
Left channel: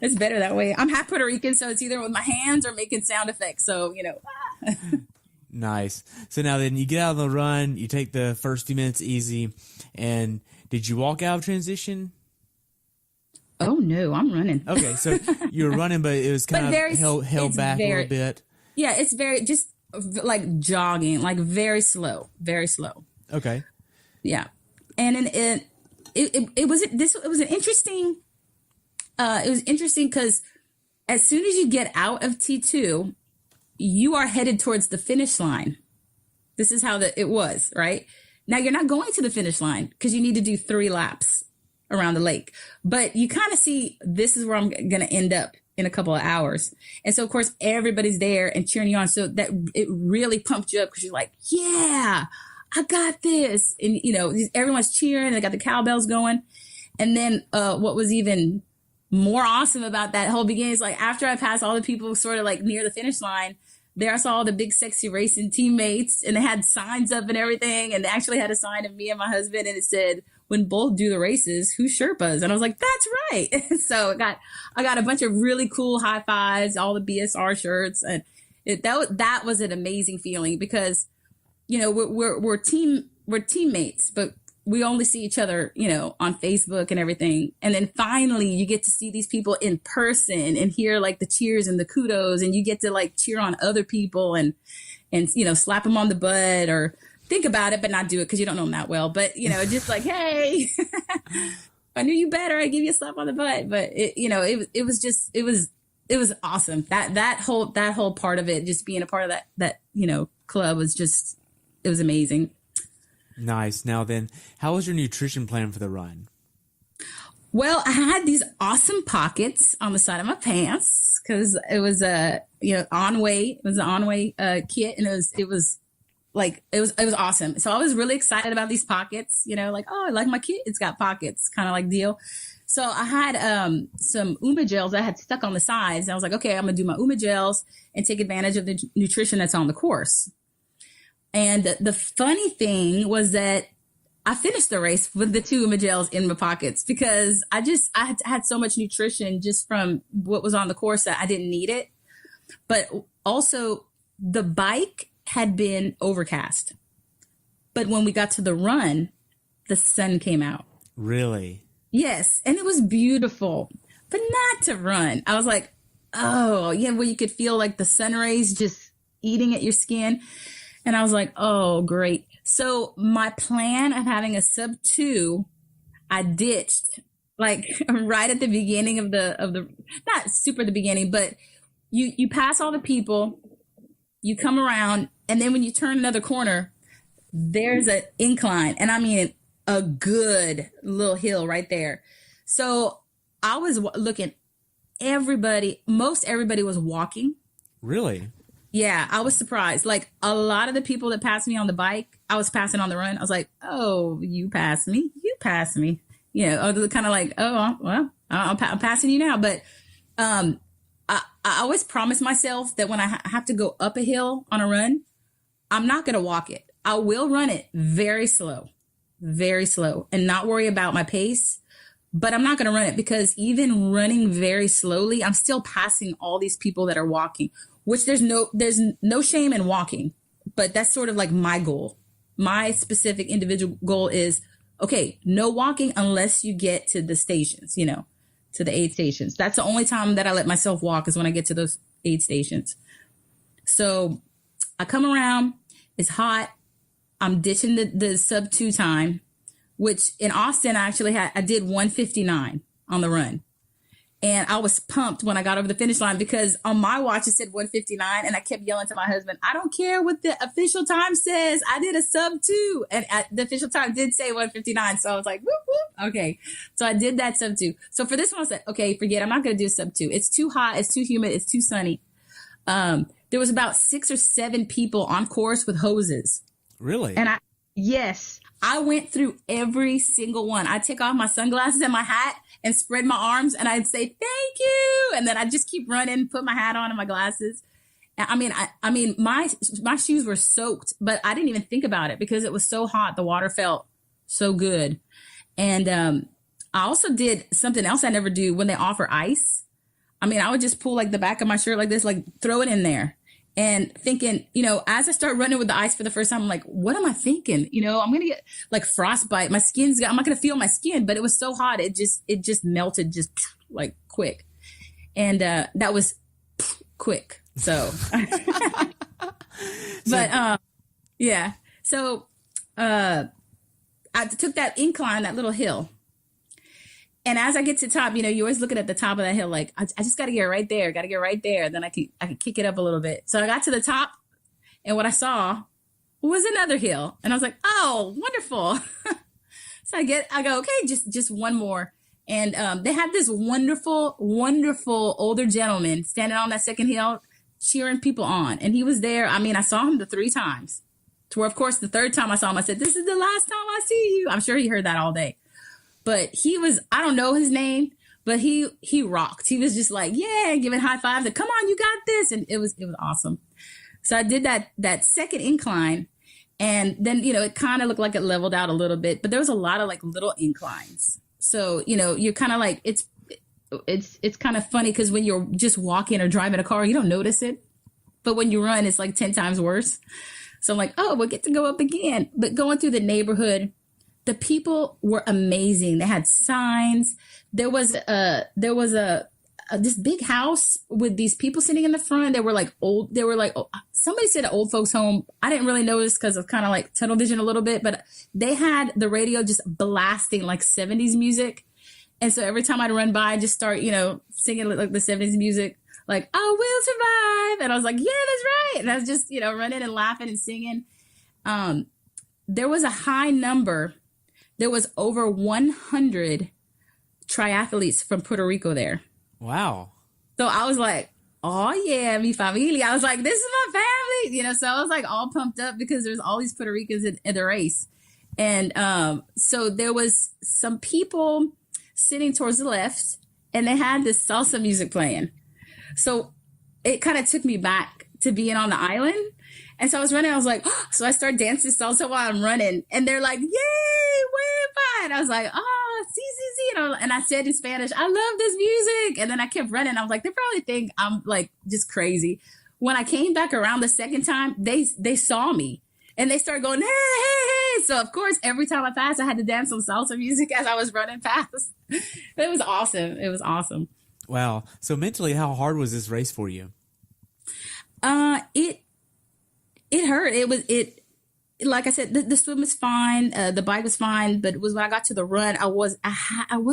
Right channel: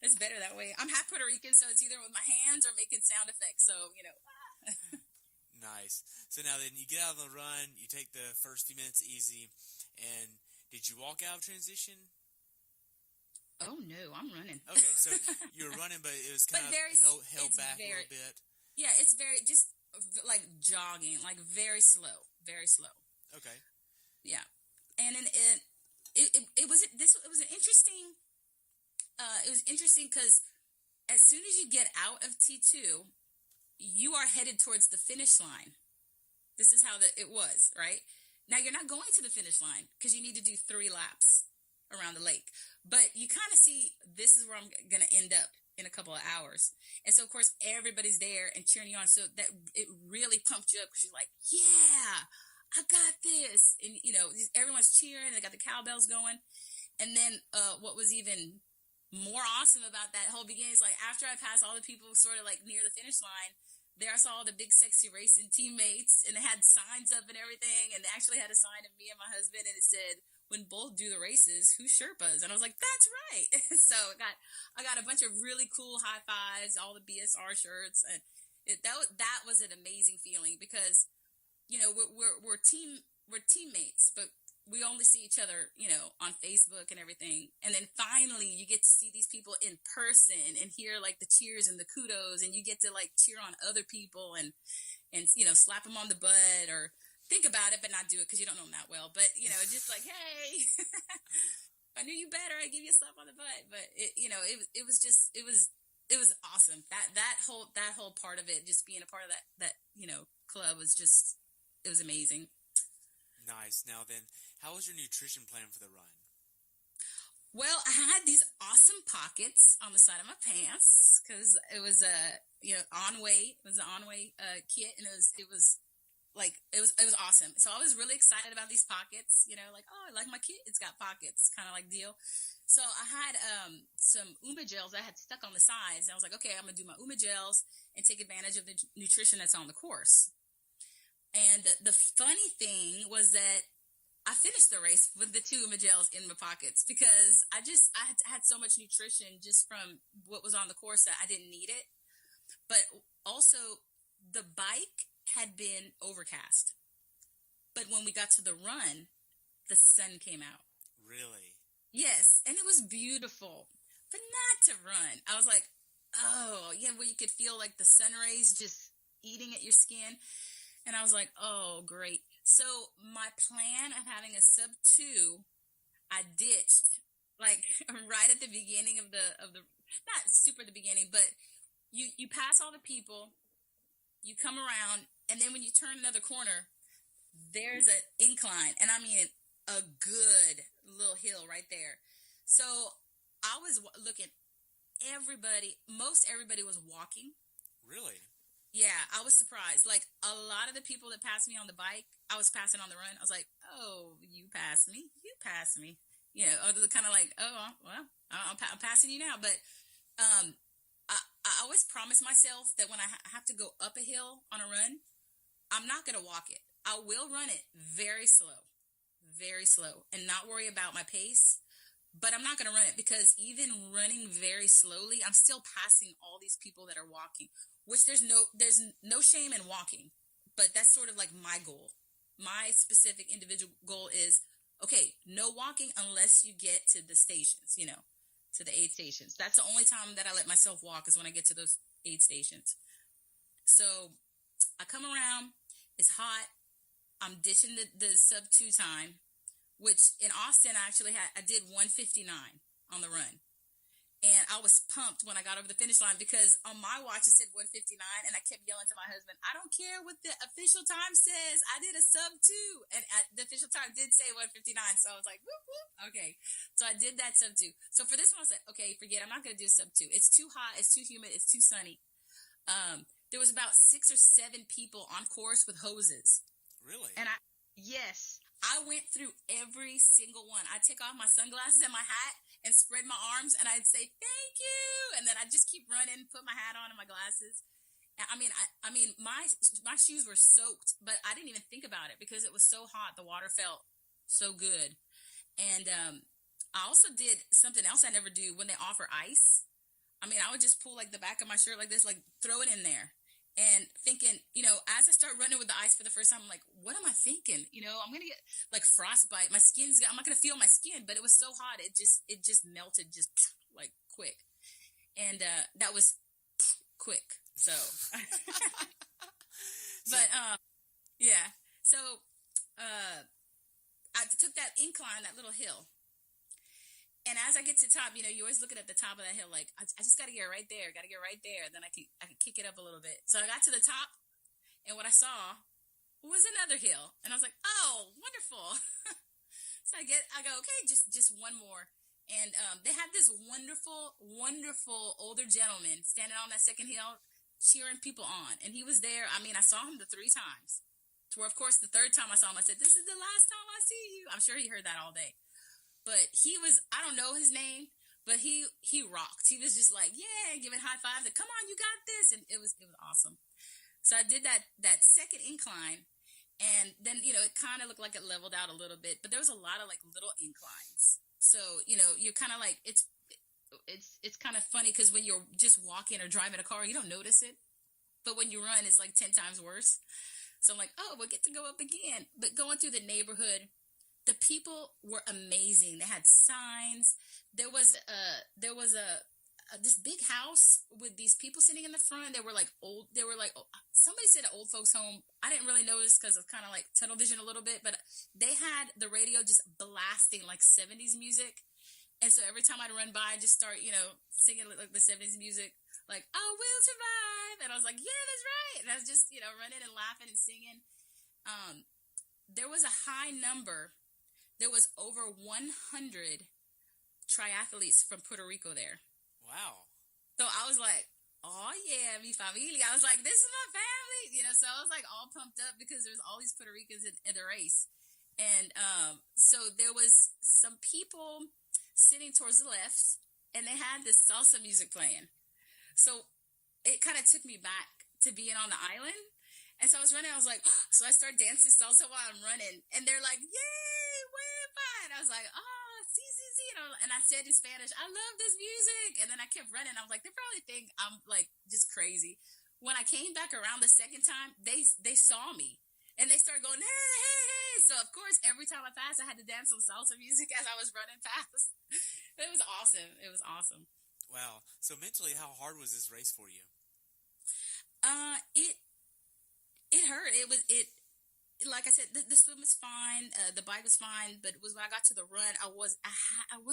It's better that way. I'm half Puerto Rican, so it's either with my hands or making sound effects. So, Nice. So now then you get out on the run, you take the first few minutes easy, and did you walk out of transition? Oh, no, I'm running. Okay, so you were running, but it was kind of held back a little bit. Yeah, it's very, just like jogging, like very slow, very slow. Okay. Yeah. And then it was an interesting, it was interesting because as soon as you get out of T2, you are headed towards the finish line. This is how it was, right? Now you're not going to the finish line because you need to do 3 laps around the lake, but you kind of see this is where I'm going to end up in a couple of hours. And so of course everybody's there and cheering you on. So that it really pumped you up because you're like, yeah, I got this. And everyone's cheering. They got the cowbells going. And then what was even more awesome about that whole beginning is like after I passed all the people sort of like near the finish line, there I saw all the big sexy racing teammates and they had signs up and everything. And they actually had a sign of me and my husband and it said, when both do the races, who Sherpas? And I was like, that's right. So I got a bunch of really cool high fives, all the BSR shirts. And that was an amazing feeling because, we're teammates, but we only see each other, on Facebook and everything. And then finally you get to see these people in person and hear like the cheers and the kudos and you get to like cheer on other people and slap them on the butt or think about it, but not do it because you don't know them that well. But, just like, hey, I knew you better. I give you a slap on the butt. But, it was awesome. That whole part of it, just being a part of that club was just, it was amazing. Nice. Now then, how was your nutrition plan for the run? Well, I had these awesome pockets on the side of my pants because it was On-Way. It was an On-Way kit, and it was awesome. So I was really excited about these pockets, like, oh, I like my kit. It's got pockets kind of like deal. So I had some Uma gels that I had stuck on the sides. And I was like, okay, I'm going to do my Uma gels and take advantage of the nutrition that's on the course. And the funny thing was that I finished the race with the 2 Uma gels in my pockets because I had so much nutrition just from what was on the course that I didn't need it. But also the bike had been overcast. But when we got to the run, the sun came out. Really? Yes. And it was beautiful, but not to run. I was like, oh, yeah, where you could feel like the sun rays just eating at your skin. And I was like, oh, great. So my plan of having a sub 2, I ditched like right at the beginning of the not super the beginning, but you pass all the people, you come around, and then when you turn another corner, there's an incline. And I mean, a good little hill right there. So I was looking, most everybody was walking. Really? Yeah, I was surprised. Like a lot of the people that passed me on the bike, I was passing on the run. I was like, oh, you passed me. You passed me. You know, kind of like, oh, well, I'm passing you now. But I always promise myself that when I have to go up a hill on a run, I'm not going to walk it. I will run it very slow, and not worry about my pace. But I'm not going to run it because even running very slowly, I'm still passing all these people that are walking, which there's no shame in walking. But that's sort of like my goal. My specific individual goal is, okay, no walking unless you get to the stations, you know, to the aid stations. That's the only time that I let myself walk is when I get to those aid stations. So I come around, it's hot. I'm ditching the sub 2 time, which in Austin, I did 1:59 on the run. And I was pumped when I got over the finish line because on my watch, it said 1:59. And I kept yelling to my husband, I don't care what the official time says. I did a sub 2. And the official time did say 1:59. So I was like, whoop, whoop. Okay. So I did that sub 2. So for this one, I said, okay, forget it. I'm not going to do sub 2. It's too hot. It's too humid. It's too sunny. There was about 6 or 7 people on course with hoses. Really? And I went through every single one. I'd take off my sunglasses and my hat and spread my arms and I'd say, thank you. And then I'd just keep running, put my hat on and my glasses. I mean, my shoes were soaked, but I didn't even think about it because it was so hot. The water felt so good. And I also did something else I never do when they offer ice. I mean, I would just pull like the back of my shirt like this, like throw it in there. And thinking, you know, as I start running with the ice for the first time, I'm like, what am I thinking? You know, I'm going to get like frostbite. I'm not going to feel my skin, but it was so hot. It just melted just like quick. And that was quick. So, but yeah. So I took that incline, that little hill. And as I get to the top, you know, you're always looking at the top of that hill, like, I just got to get right there. Then I can kick it up a little bit. So I got to the top and what I saw was another hill. And I was like, oh, wonderful. So I go, okay, just one more. And they had this wonderful, wonderful older gentleman standing on that second hill, cheering people on. And he was there. I mean, I saw him the 3 times to where, of course, the 3rd time I saw him, I said, this is the last time I see you. I'm sure he heard that all day. But he was, I don't know his name, but he rocked. He was just like, yeah, giving high fives. Like, come on, you got this. And it was awesome. So I did that second incline. And then, you know, it kind of looked like it leveled out a little bit, but there was a lot of like little inclines. So, you know, you're kind of like, it's kind of funny because when you're just walking or driving a car, you don't notice it. But when you run, it's like 10 times worse. So I'm like, oh, we'll get to go up again. But going through the neighborhood, the people were amazing. They had signs. There was this big house with these people sitting in the front. They were like old. They were like, somebody said an old folks home. I didn't really notice because of kind of like tunnel vision a little bit, but they had the radio just blasting like 70s music. And so every time I'd run by, I'd just start, you know, singing like the 70s music, like, I will survive. And I was like, yeah, that's right. And I was just, you know, running and laughing and singing. There was a high number. There was over 100 triathletes from Puerto Rico there. Wow. So I was like, oh yeah, mi familia. I was like, this is my family, you know, so I was like all pumped up because there's all these Puerto Ricans in the race. And so there was some people sitting towards the left and they had this salsa music playing. So it kind of took me back to being on the island. And so I was running, I was like, oh, so I started dancing salsa while I'm running. And they're like, yay, we're fine. I was like, oh, see, you know, and I said in Spanish, I love this music. And then I kept running. I was like, they probably think I'm like just crazy. When I came back around the second time, they saw me and they started going, hey, hey, hey. So of course, every time I passed, I had to dance some salsa music as I was running past. It was awesome. It was awesome. Wow. So mentally, how hard was this race for you? It hurt. Like I said, the swim was fine. The bike was fine, but it was when I got to the run, I was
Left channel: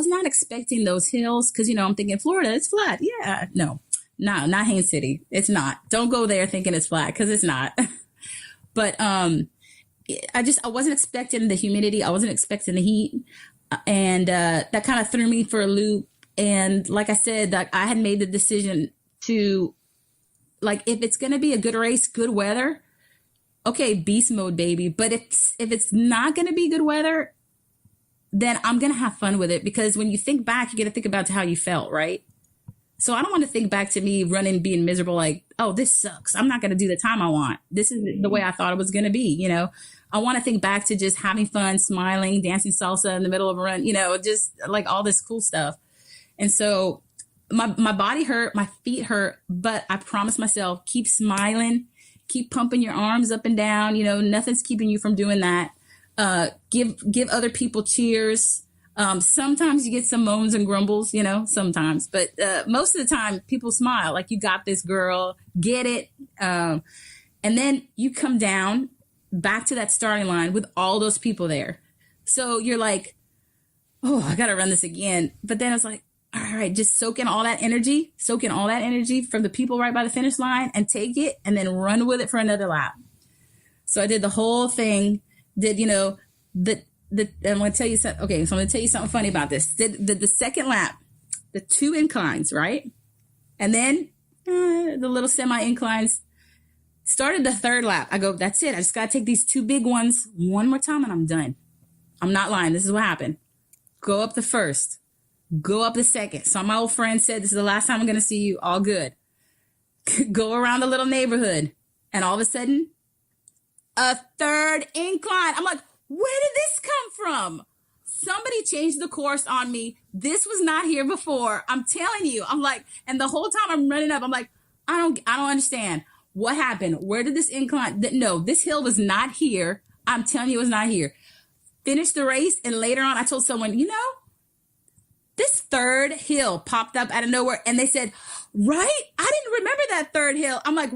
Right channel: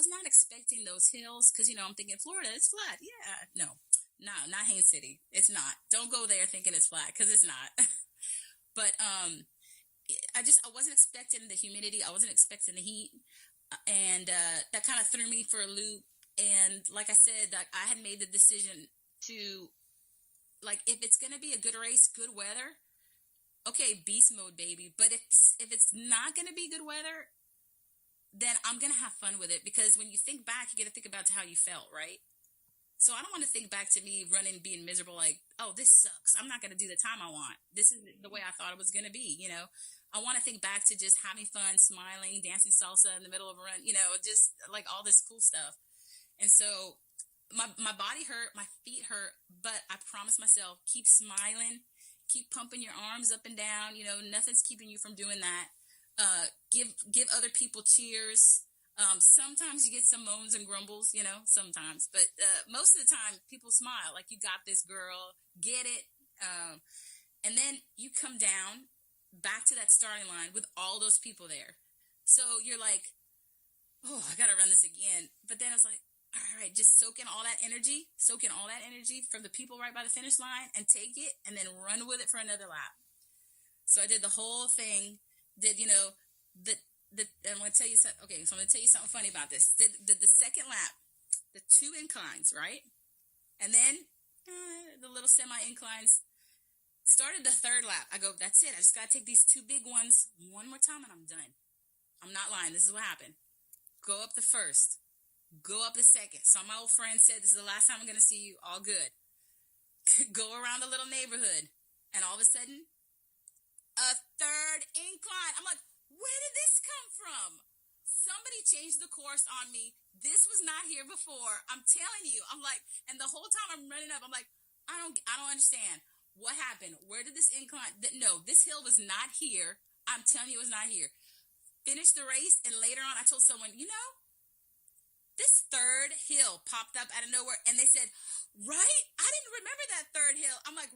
not expecting those hills. Cause you know, I'm thinking Florida, it's flat. Yeah, no, not Haines City. It's not. Don't go there thinking it's flat. Cause it's not. But, I wasn't expecting the humidity. I wasn't expecting the heat. And that kind of threw me for a loop. And like I said, that I had made the decision to, like, if it's going to be a good race, good weather, okay, beast mode, baby. But if it's not going to be good weather, then I'm going to have fun with it. Because when you think back, you got to think about how you felt, right? So I don't want to think back to me running, being miserable, like, oh, this sucks. I'm not going to do the time I want. This is the way I thought it was going to be, you know? I want to think back to just having fun, smiling, dancing salsa in the middle of a run, you know, just like all this cool stuff. And so my body hurt, my feet hurt, but I promised myself, keep smiling, keep pumping your arms up and down. You know, nothing's keeping you from doing that. Give other people cheers. Sometimes you get some moans and grumbles, you know, sometimes, but most of the time people smile, like, you got this, girl, get it. And then you come down back to that starting line with all those people there. So you're like, oh, I got to run this again. But then I was like, all right, just soak in all that energy from the people right by the finish line and take it and then run with it for another lap. So I did the whole thing, you know, I'm going to tell you something. Okay. So I'm going to tell you something funny about this. The second lap, the 2 inclines, right? And then the little semi inclines. Started the 3rd lap. I go, that's it. I just got to take these 2 big ones one more time and I'm done. I'm not lying. This is what happened. Go up the 1st. Go up the 2nd. So my old friend said, this is the last time I'm going to see you. All good. Go around the little neighborhood. And all of a sudden, a 3rd incline. I'm like, where did this come from? Somebody changed the course on me. This was not here before. I'm telling you. I'm like, and the whole time I'm running up, I'm like, I don't understand. What happened? Where did this incline? No, this hill was not here. I'm telling you, it was not here. Finished the race. And later on, I told someone, you know, this 3rd hill popped up out of nowhere. And they said, right? I didn't remember that 3rd hill. I'm like,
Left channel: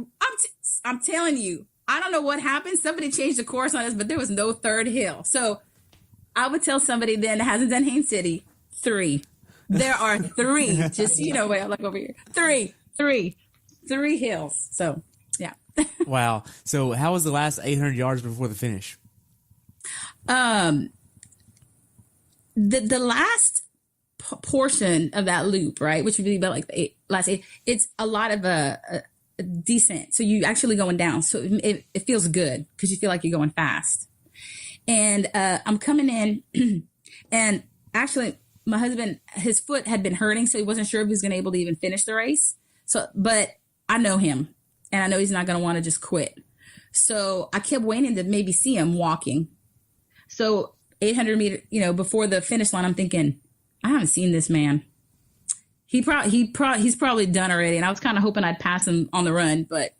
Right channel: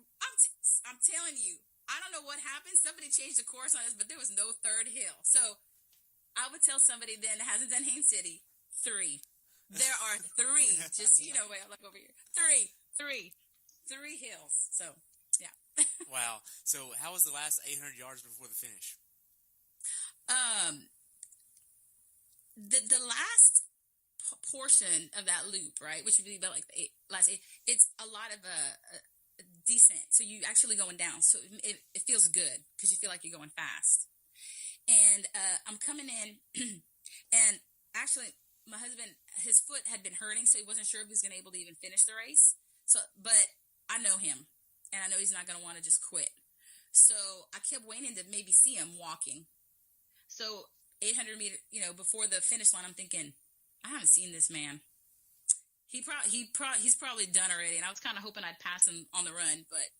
I'm telling you, I don't know what happened. Somebody changed the course on us, but there was no 3rd hill. So I would tell somebody then that hasn't done Haines City, 3. There are 3. Just, you know, wait, I look over here. 3 hills. So, yeah. Wow. So how was the last 800 yards before the finish? The last portion of that loop, right, which would be about like the last 8, it's a lot of a descent. So you actually going down. So it feels good because you feel like you're going fast. And I'm coming in and actually my husband, his foot had been hurting. So he wasn't sure if he was going to be able to even finish the race. So, but I know him and I know he's not going to want to just quit. So I kept waiting to maybe see him walking. So 800 meters, you know, before the finish line, I'm thinking, I haven't seen this man. He's probably done already. And I was kind of hoping I'd pass him on the run, but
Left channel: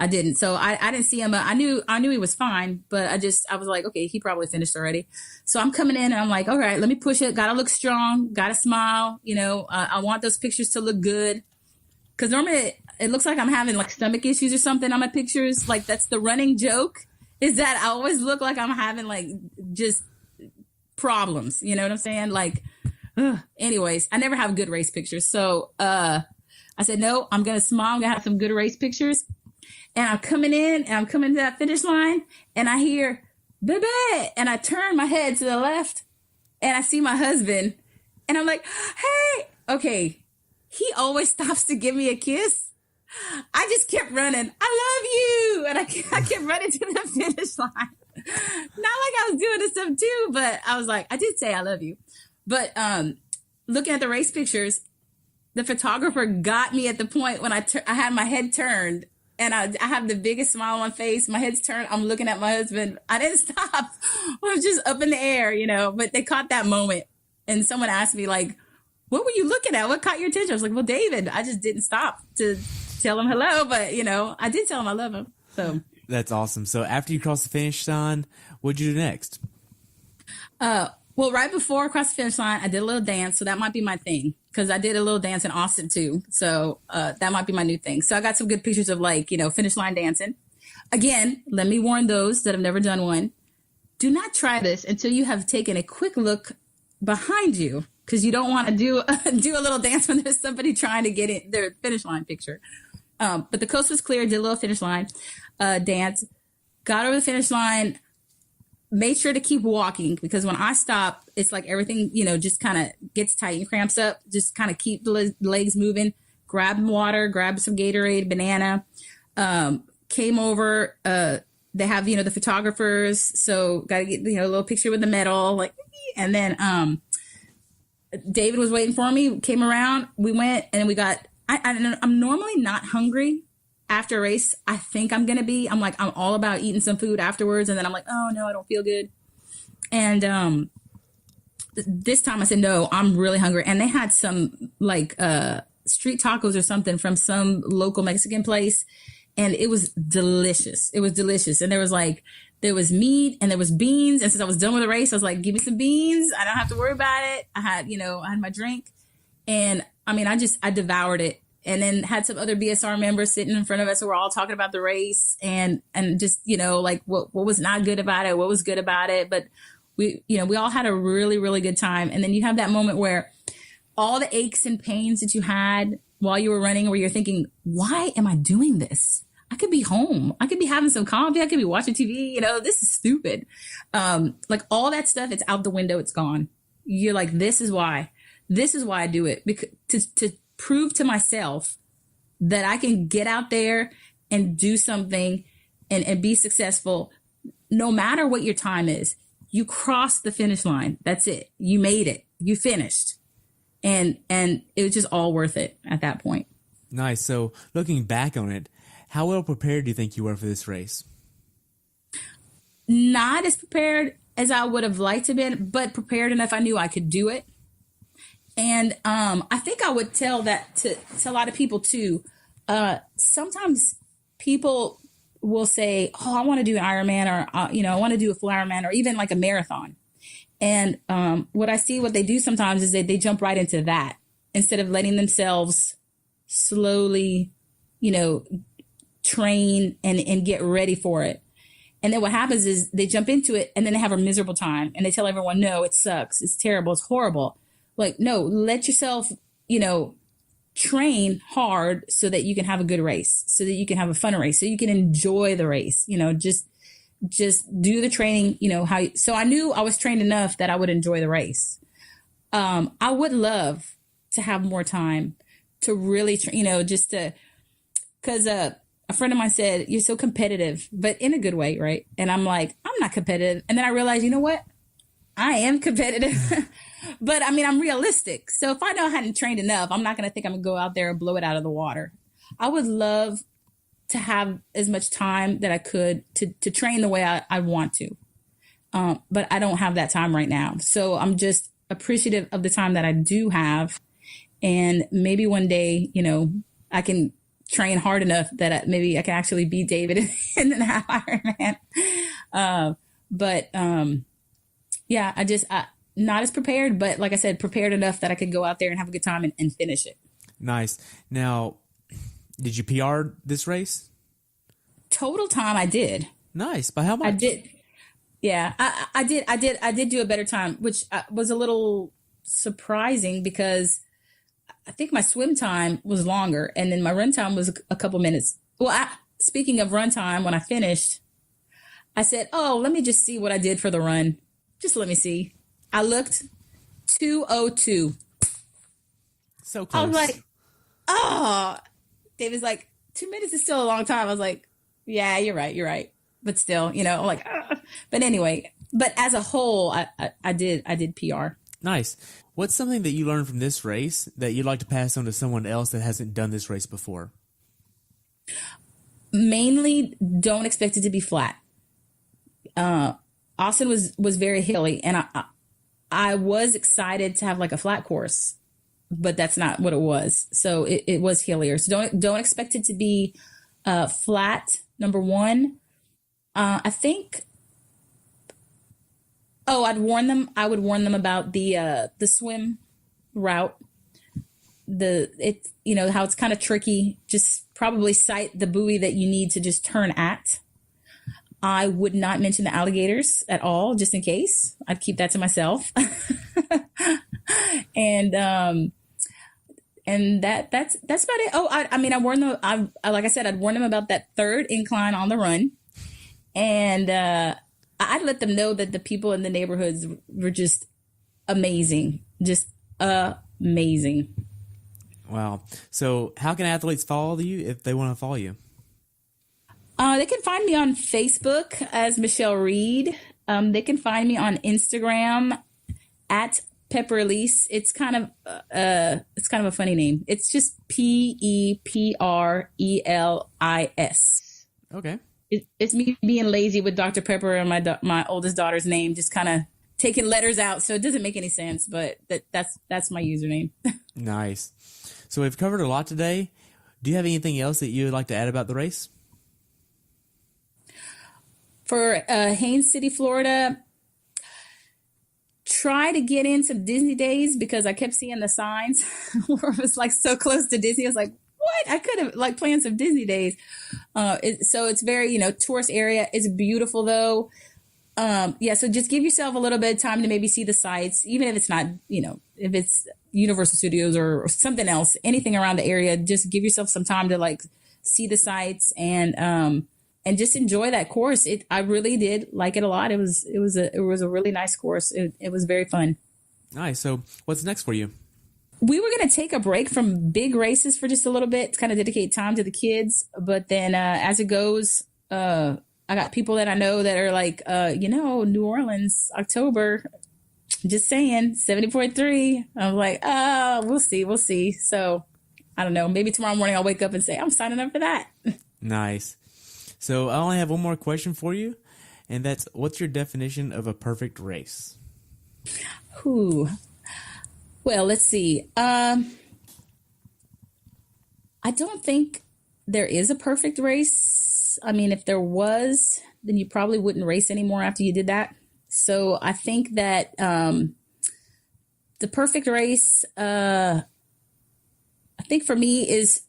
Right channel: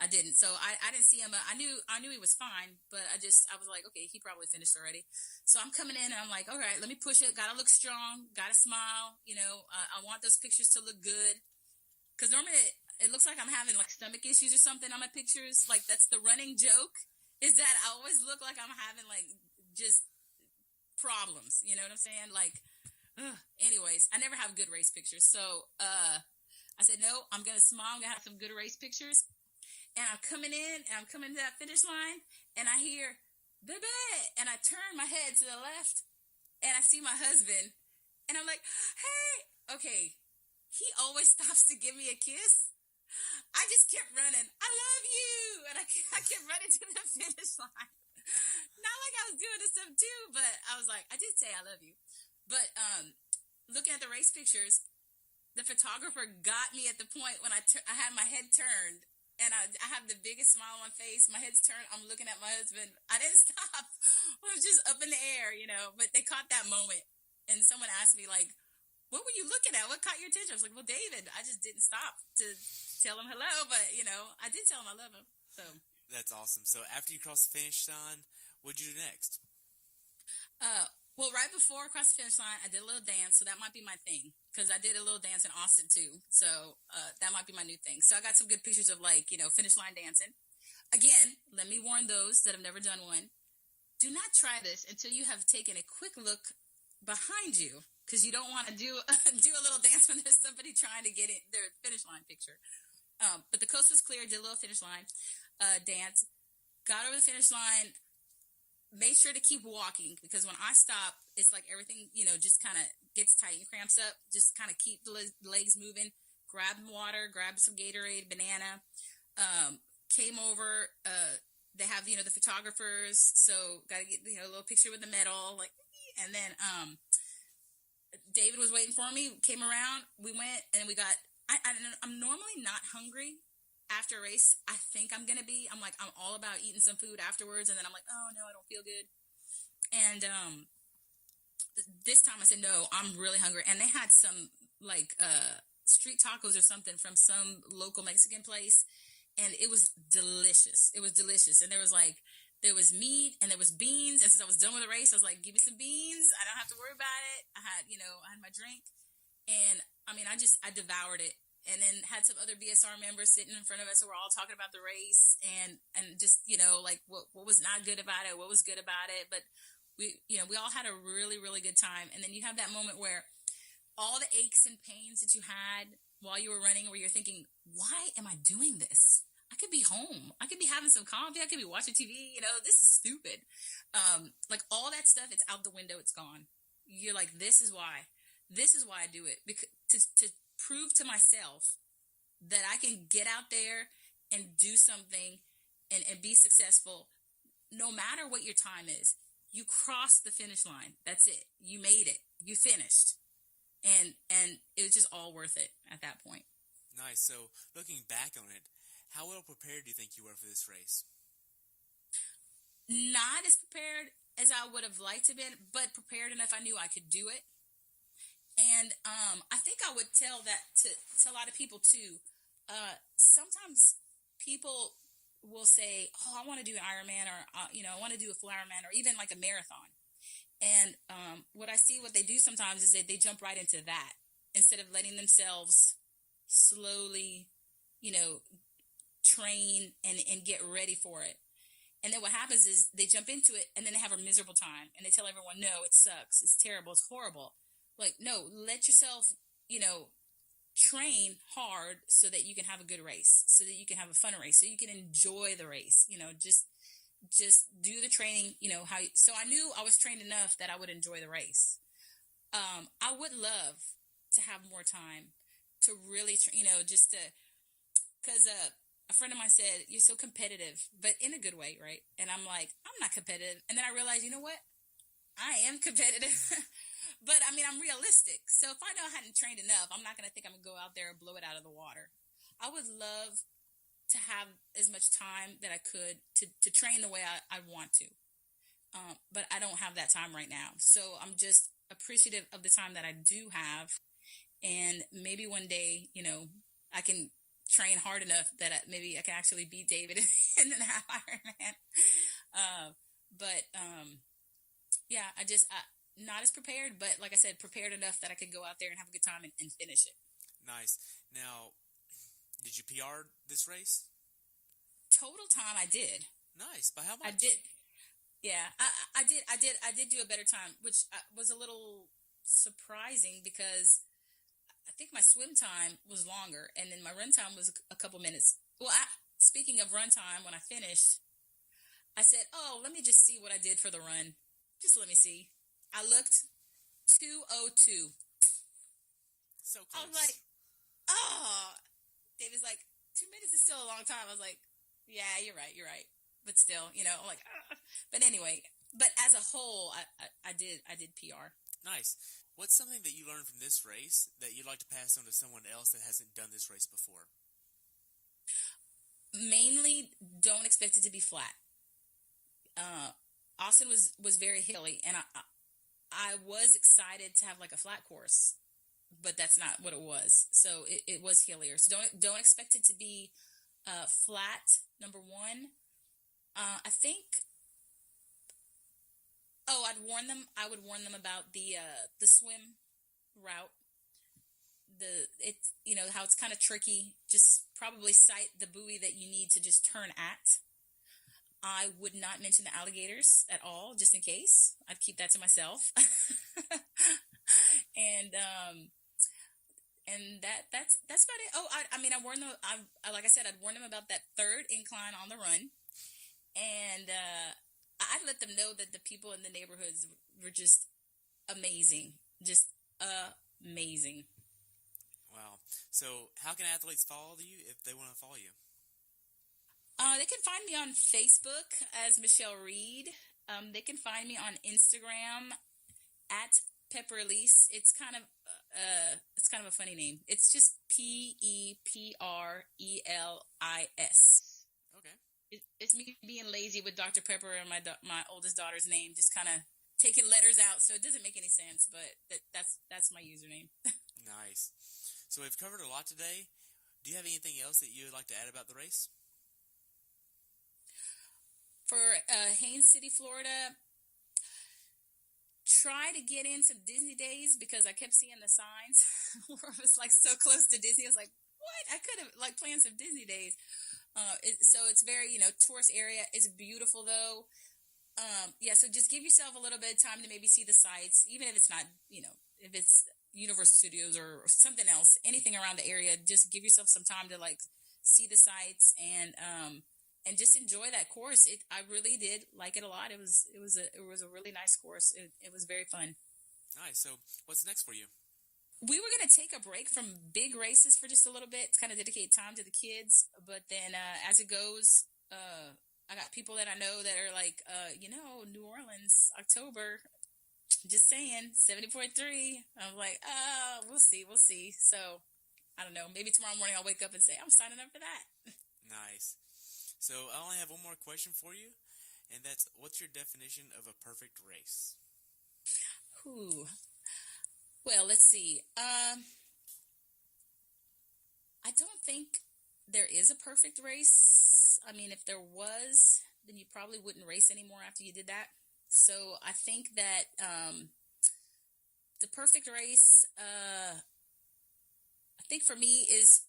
I didn't. So I didn't see him. I knew he was fine, but I was like, okay, he probably finished already. So I'm coming in and I'm like, all right, let me push it. Got to look strong. Got to smile. You know, I want those pictures to look good. Cause normally it looks like I'm having like stomach issues or something on my pictures. Like that's the running joke, is that I always look like I'm having like just problems. You know what I'm saying? Like, anyways, I never have good race pictures. So I said, no, I'm going to smile. I'm going to have some good race pictures. And I'm coming in and I'm coming to that finish line and I hear, baby. And I turn my head to the left and I see my husband and I'm like, hey, okay. He always stops to give me a kiss. I just kept running. I love you. And I kept running to the finish line. Not like I was doing this stuff too, but I was like, I did say I love you. But looking at the race pictures, the photographer got me at the point when I had my head turned and I have the biggest smile on my face. My head's turned. I'm looking at my husband. I didn't stop. I was just up in the air, you know, but they caught that moment. And someone asked me like, what were you looking at? What caught your attention? I was like, well, David, I just didn't stop to tell him hello, but you know, I did tell him I love him. So that's awesome. So after you crossed the finish line, what'd you do next? Well, right before I crossed the finish line, I did a little dance. So that might be my thing because I did a little dance in Austin too. So that might be my new thing. So I got some good pictures of like, you know, finish line dancing. Again, let me warn those that have never done one. Do not try this until you have taken a quick look behind you because you don't want to do a little dance when there's somebody trying to get in their finish line picture. But the coast was clear, did a little finish line dance, got over the finish line. made sure to keep walking, because when I stop, it's like everything, just kind of gets tight and cramps up. Just kind of keep the legs moving, grab water, grab some Gatorade, banana, came over, they have, the photographers. So got to get, a little picture with the medal, like, and then, David was waiting for me, came around, we went and we got, I'm normally not hungry after a race. I think I'm all about eating some food afterwards. And then I'm like, oh no, I don't feel good. And, this time I said, no, I'm really hungry. And they had some like, street tacos or something from some local Mexican place. And it was delicious. It was delicious. And there was meat and there was beans. And since I was done with the race, I was like, give me some beans. I don't have to worry about it. I had my drink. And I mean, I devoured it. And then had some other BSR members sitting in front of us who were all talking about the race and just, like what was not good about it, what was good about it. But we all had a really, really good time. And then you have that moment where all the aches and pains that you had while you were running, where you're thinking, why am I doing this? I could be home. I could be having some coffee. I could be watching TV. This is stupid. Like all that stuff, it's out the window. It's gone. You're like, this is why I do it, because to prove to myself that I can get out there and do something and be successful, no matter what your time is. You crossed the finish line. That's it. You made it. You finished. And it was just all worth it at that point. Nice. So looking back on it, how well prepared do you think you were for this race? Not as prepared as I would have liked to be, but prepared enough I knew I could do it. And I think I would tell that to a lot of people too. Sometimes people will say, oh, I want to do an Ironman, or, I want to do a full Ironman, or even like a marathon. And what they do sometimes is they jump right into that instead of letting themselves slowly, train and get ready for it. And then what happens is they jump into it and then they have a miserable time and they tell everyone, no, it sucks. It's terrible. It's horrible. Like, no, let yourself, train hard so that you can have a good race, so that you can have a fun race, so you can enjoy the race, just do the training, so I knew I was trained enough that I would enjoy the race. I would love to have more time to really, because a friend of mine said, you're so competitive, but in a good way, right? And I'm like, I'm not competitive. And then I realized, you know what? I am competitive, but I mean, I'm realistic. So if I know I hadn't trained enough, I'm not going to think I'm going to go out there and blow it out of the water. I would love to have as much time that I could to train the way I want to. But I don't have that time right now. So I'm just appreciative of the time that I do have. And maybe one day, I can train hard enough that maybe I can actually beat David in an Ironman. Yeah, I not as prepared, but like I said, prepared enough that I could go out there and have a good time and finish it. Nice. Now, did you PR this race? Total time I did. Nice. By how much? I did. Yeah, I did do a better time, which was a little surprising because I think my swim time was longer and then my run time was a couple minutes. Well, speaking of run time, when I finished, I said, oh, let me just see what I did for the run. Just let me see. I looked 2:02. So close. I was like, oh, David's like, 2 minutes is still a long time. I was like, yeah, you're right. But still, I'm like, but anyway, but as a whole, I did PR. Nice. What's something that you learned from this race that you'd like to pass on to someone else that hasn't done this race before? Mainly, don't expect it to be flat. Austin was very hilly, and I was excited to have like a flat course, but that's not what it was. So it was hillier. So don't expect it to be flat. Number one, I think. Oh, I would warn them about the swim route. How it's kind of tricky. Just probably cite the buoy that you need to just turn at. I would not mention the alligators at all, just in case. I'd keep that to myself. And that's about it. Oh, I warned them. Like I said, I'd warn them about that third incline on the run, and I'd let them know that the people in the neighborhoods were just amazing, just amazing. Wow. So how can athletes follow you if they want to follow you? They can find me on Facebook as Michelle Reed. They can find me on Instagram at Pepperlease. It's kind of a funny name. It's just Pepprelis. Okay. It's me being lazy with Dr. Pepper and my oldest daughter's name, just kind of taking letters out, so it doesn't make any sense. But that's my username. Nice. So we've covered a lot today. Do you have anything else that you would like to add about the race? For Haines City, Florida, try to get in some Disney days, because I kept seeing the signs where it was like so close to Disney. I was like, what? I could have like planned some Disney days. So it's very, tourist area. It's beautiful though. So just give yourself a little bit of time to maybe see the sights, even if it's not, if it's Universal Studios or something else, anything around the area. Just give yourself some time to like see the sights and just enjoy that course. I really did like it a lot. It was a really nice course. It was very fun. Nice. So what's next for you? We were going to take a break from big races for just a little bit to kind of dedicate time to the kids. But then as it goes, I got people that I know that are like, New Orleans, October, just saying, 70.3. I'm like, we'll see. So I don't know. Maybe tomorrow morning I'll wake up and say, I'm signing up for that. Nice. So I only have one more question for you, and that's, what's your definition of a perfect race? Well, let's see. I don't think there is a perfect race. I mean, if there was, then you probably wouldn't race anymore after you did that. So I think that the perfect race, I think for me, is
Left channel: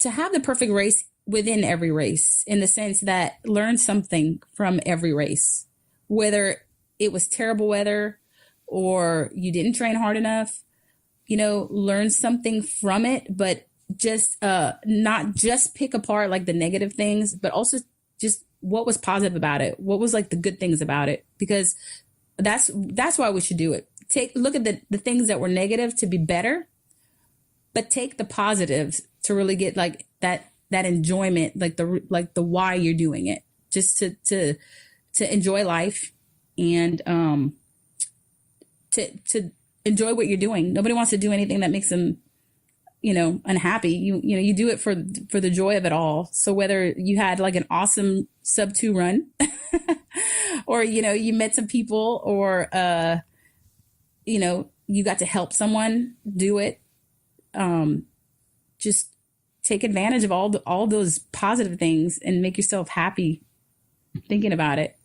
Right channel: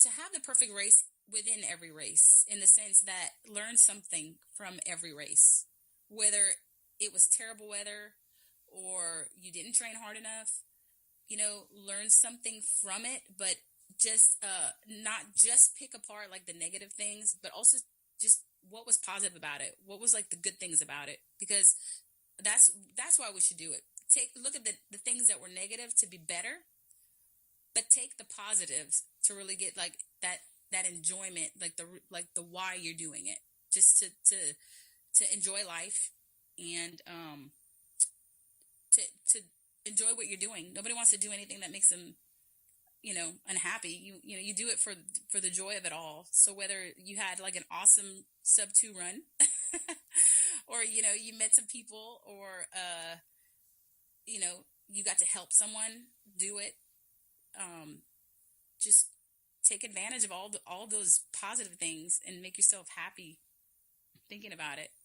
to have the perfect race within every race, in the sense that learn something from every race, whether it was terrible weather or you didn't train hard enough, learn something from it, but just not just pick apart like the negative things, but also just what was positive about it. What was like the good things about it? Because that's why we should do it. Look at the things that were negative to be better, but take the positives to really get like that enjoyment, like the why you're doing it, just to enjoy life and to enjoy what you're doing. Nobody wants to do anything that makes them, unhappy. You do it for the joy of it all. So whether you had like an awesome sub 2 run or, you met some people or, you got to help someone do it. Just take advantage of all those positive things and make yourself happy thinking about it.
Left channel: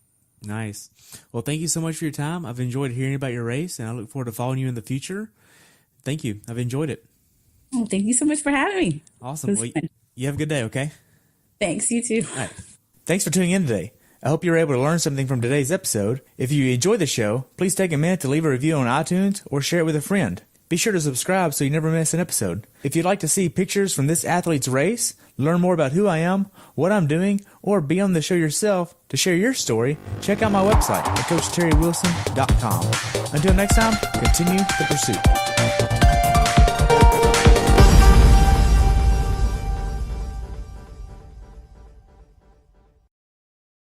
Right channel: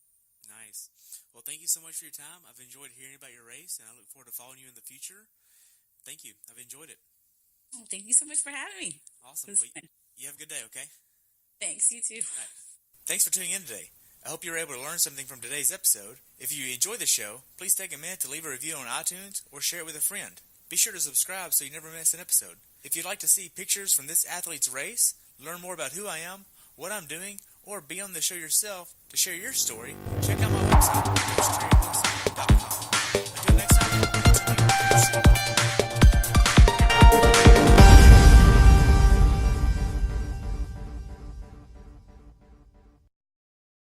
Nice. Well, thank you so much for your time. I've enjoyed hearing about your race, and I look forward to following you in the future. Thank you. I've enjoyed it. Oh, thank you so much for having me. Awesome. Well, you have a good day, okay? Thanks. You too. All right. Thanks for tuning in today. I hope you were able to learn something from today's episode. If you enjoyed the show, please take a minute to leave a review on iTunes or share it with a friend. Be sure to subscribe so you never miss an episode. If you'd like to see pictures from this athlete's race, learn more about who I am, what I'm doing, or be on the show yourself to share your story, check out my website at CoachTerryWilson.com. Until next time, continue the pursuit.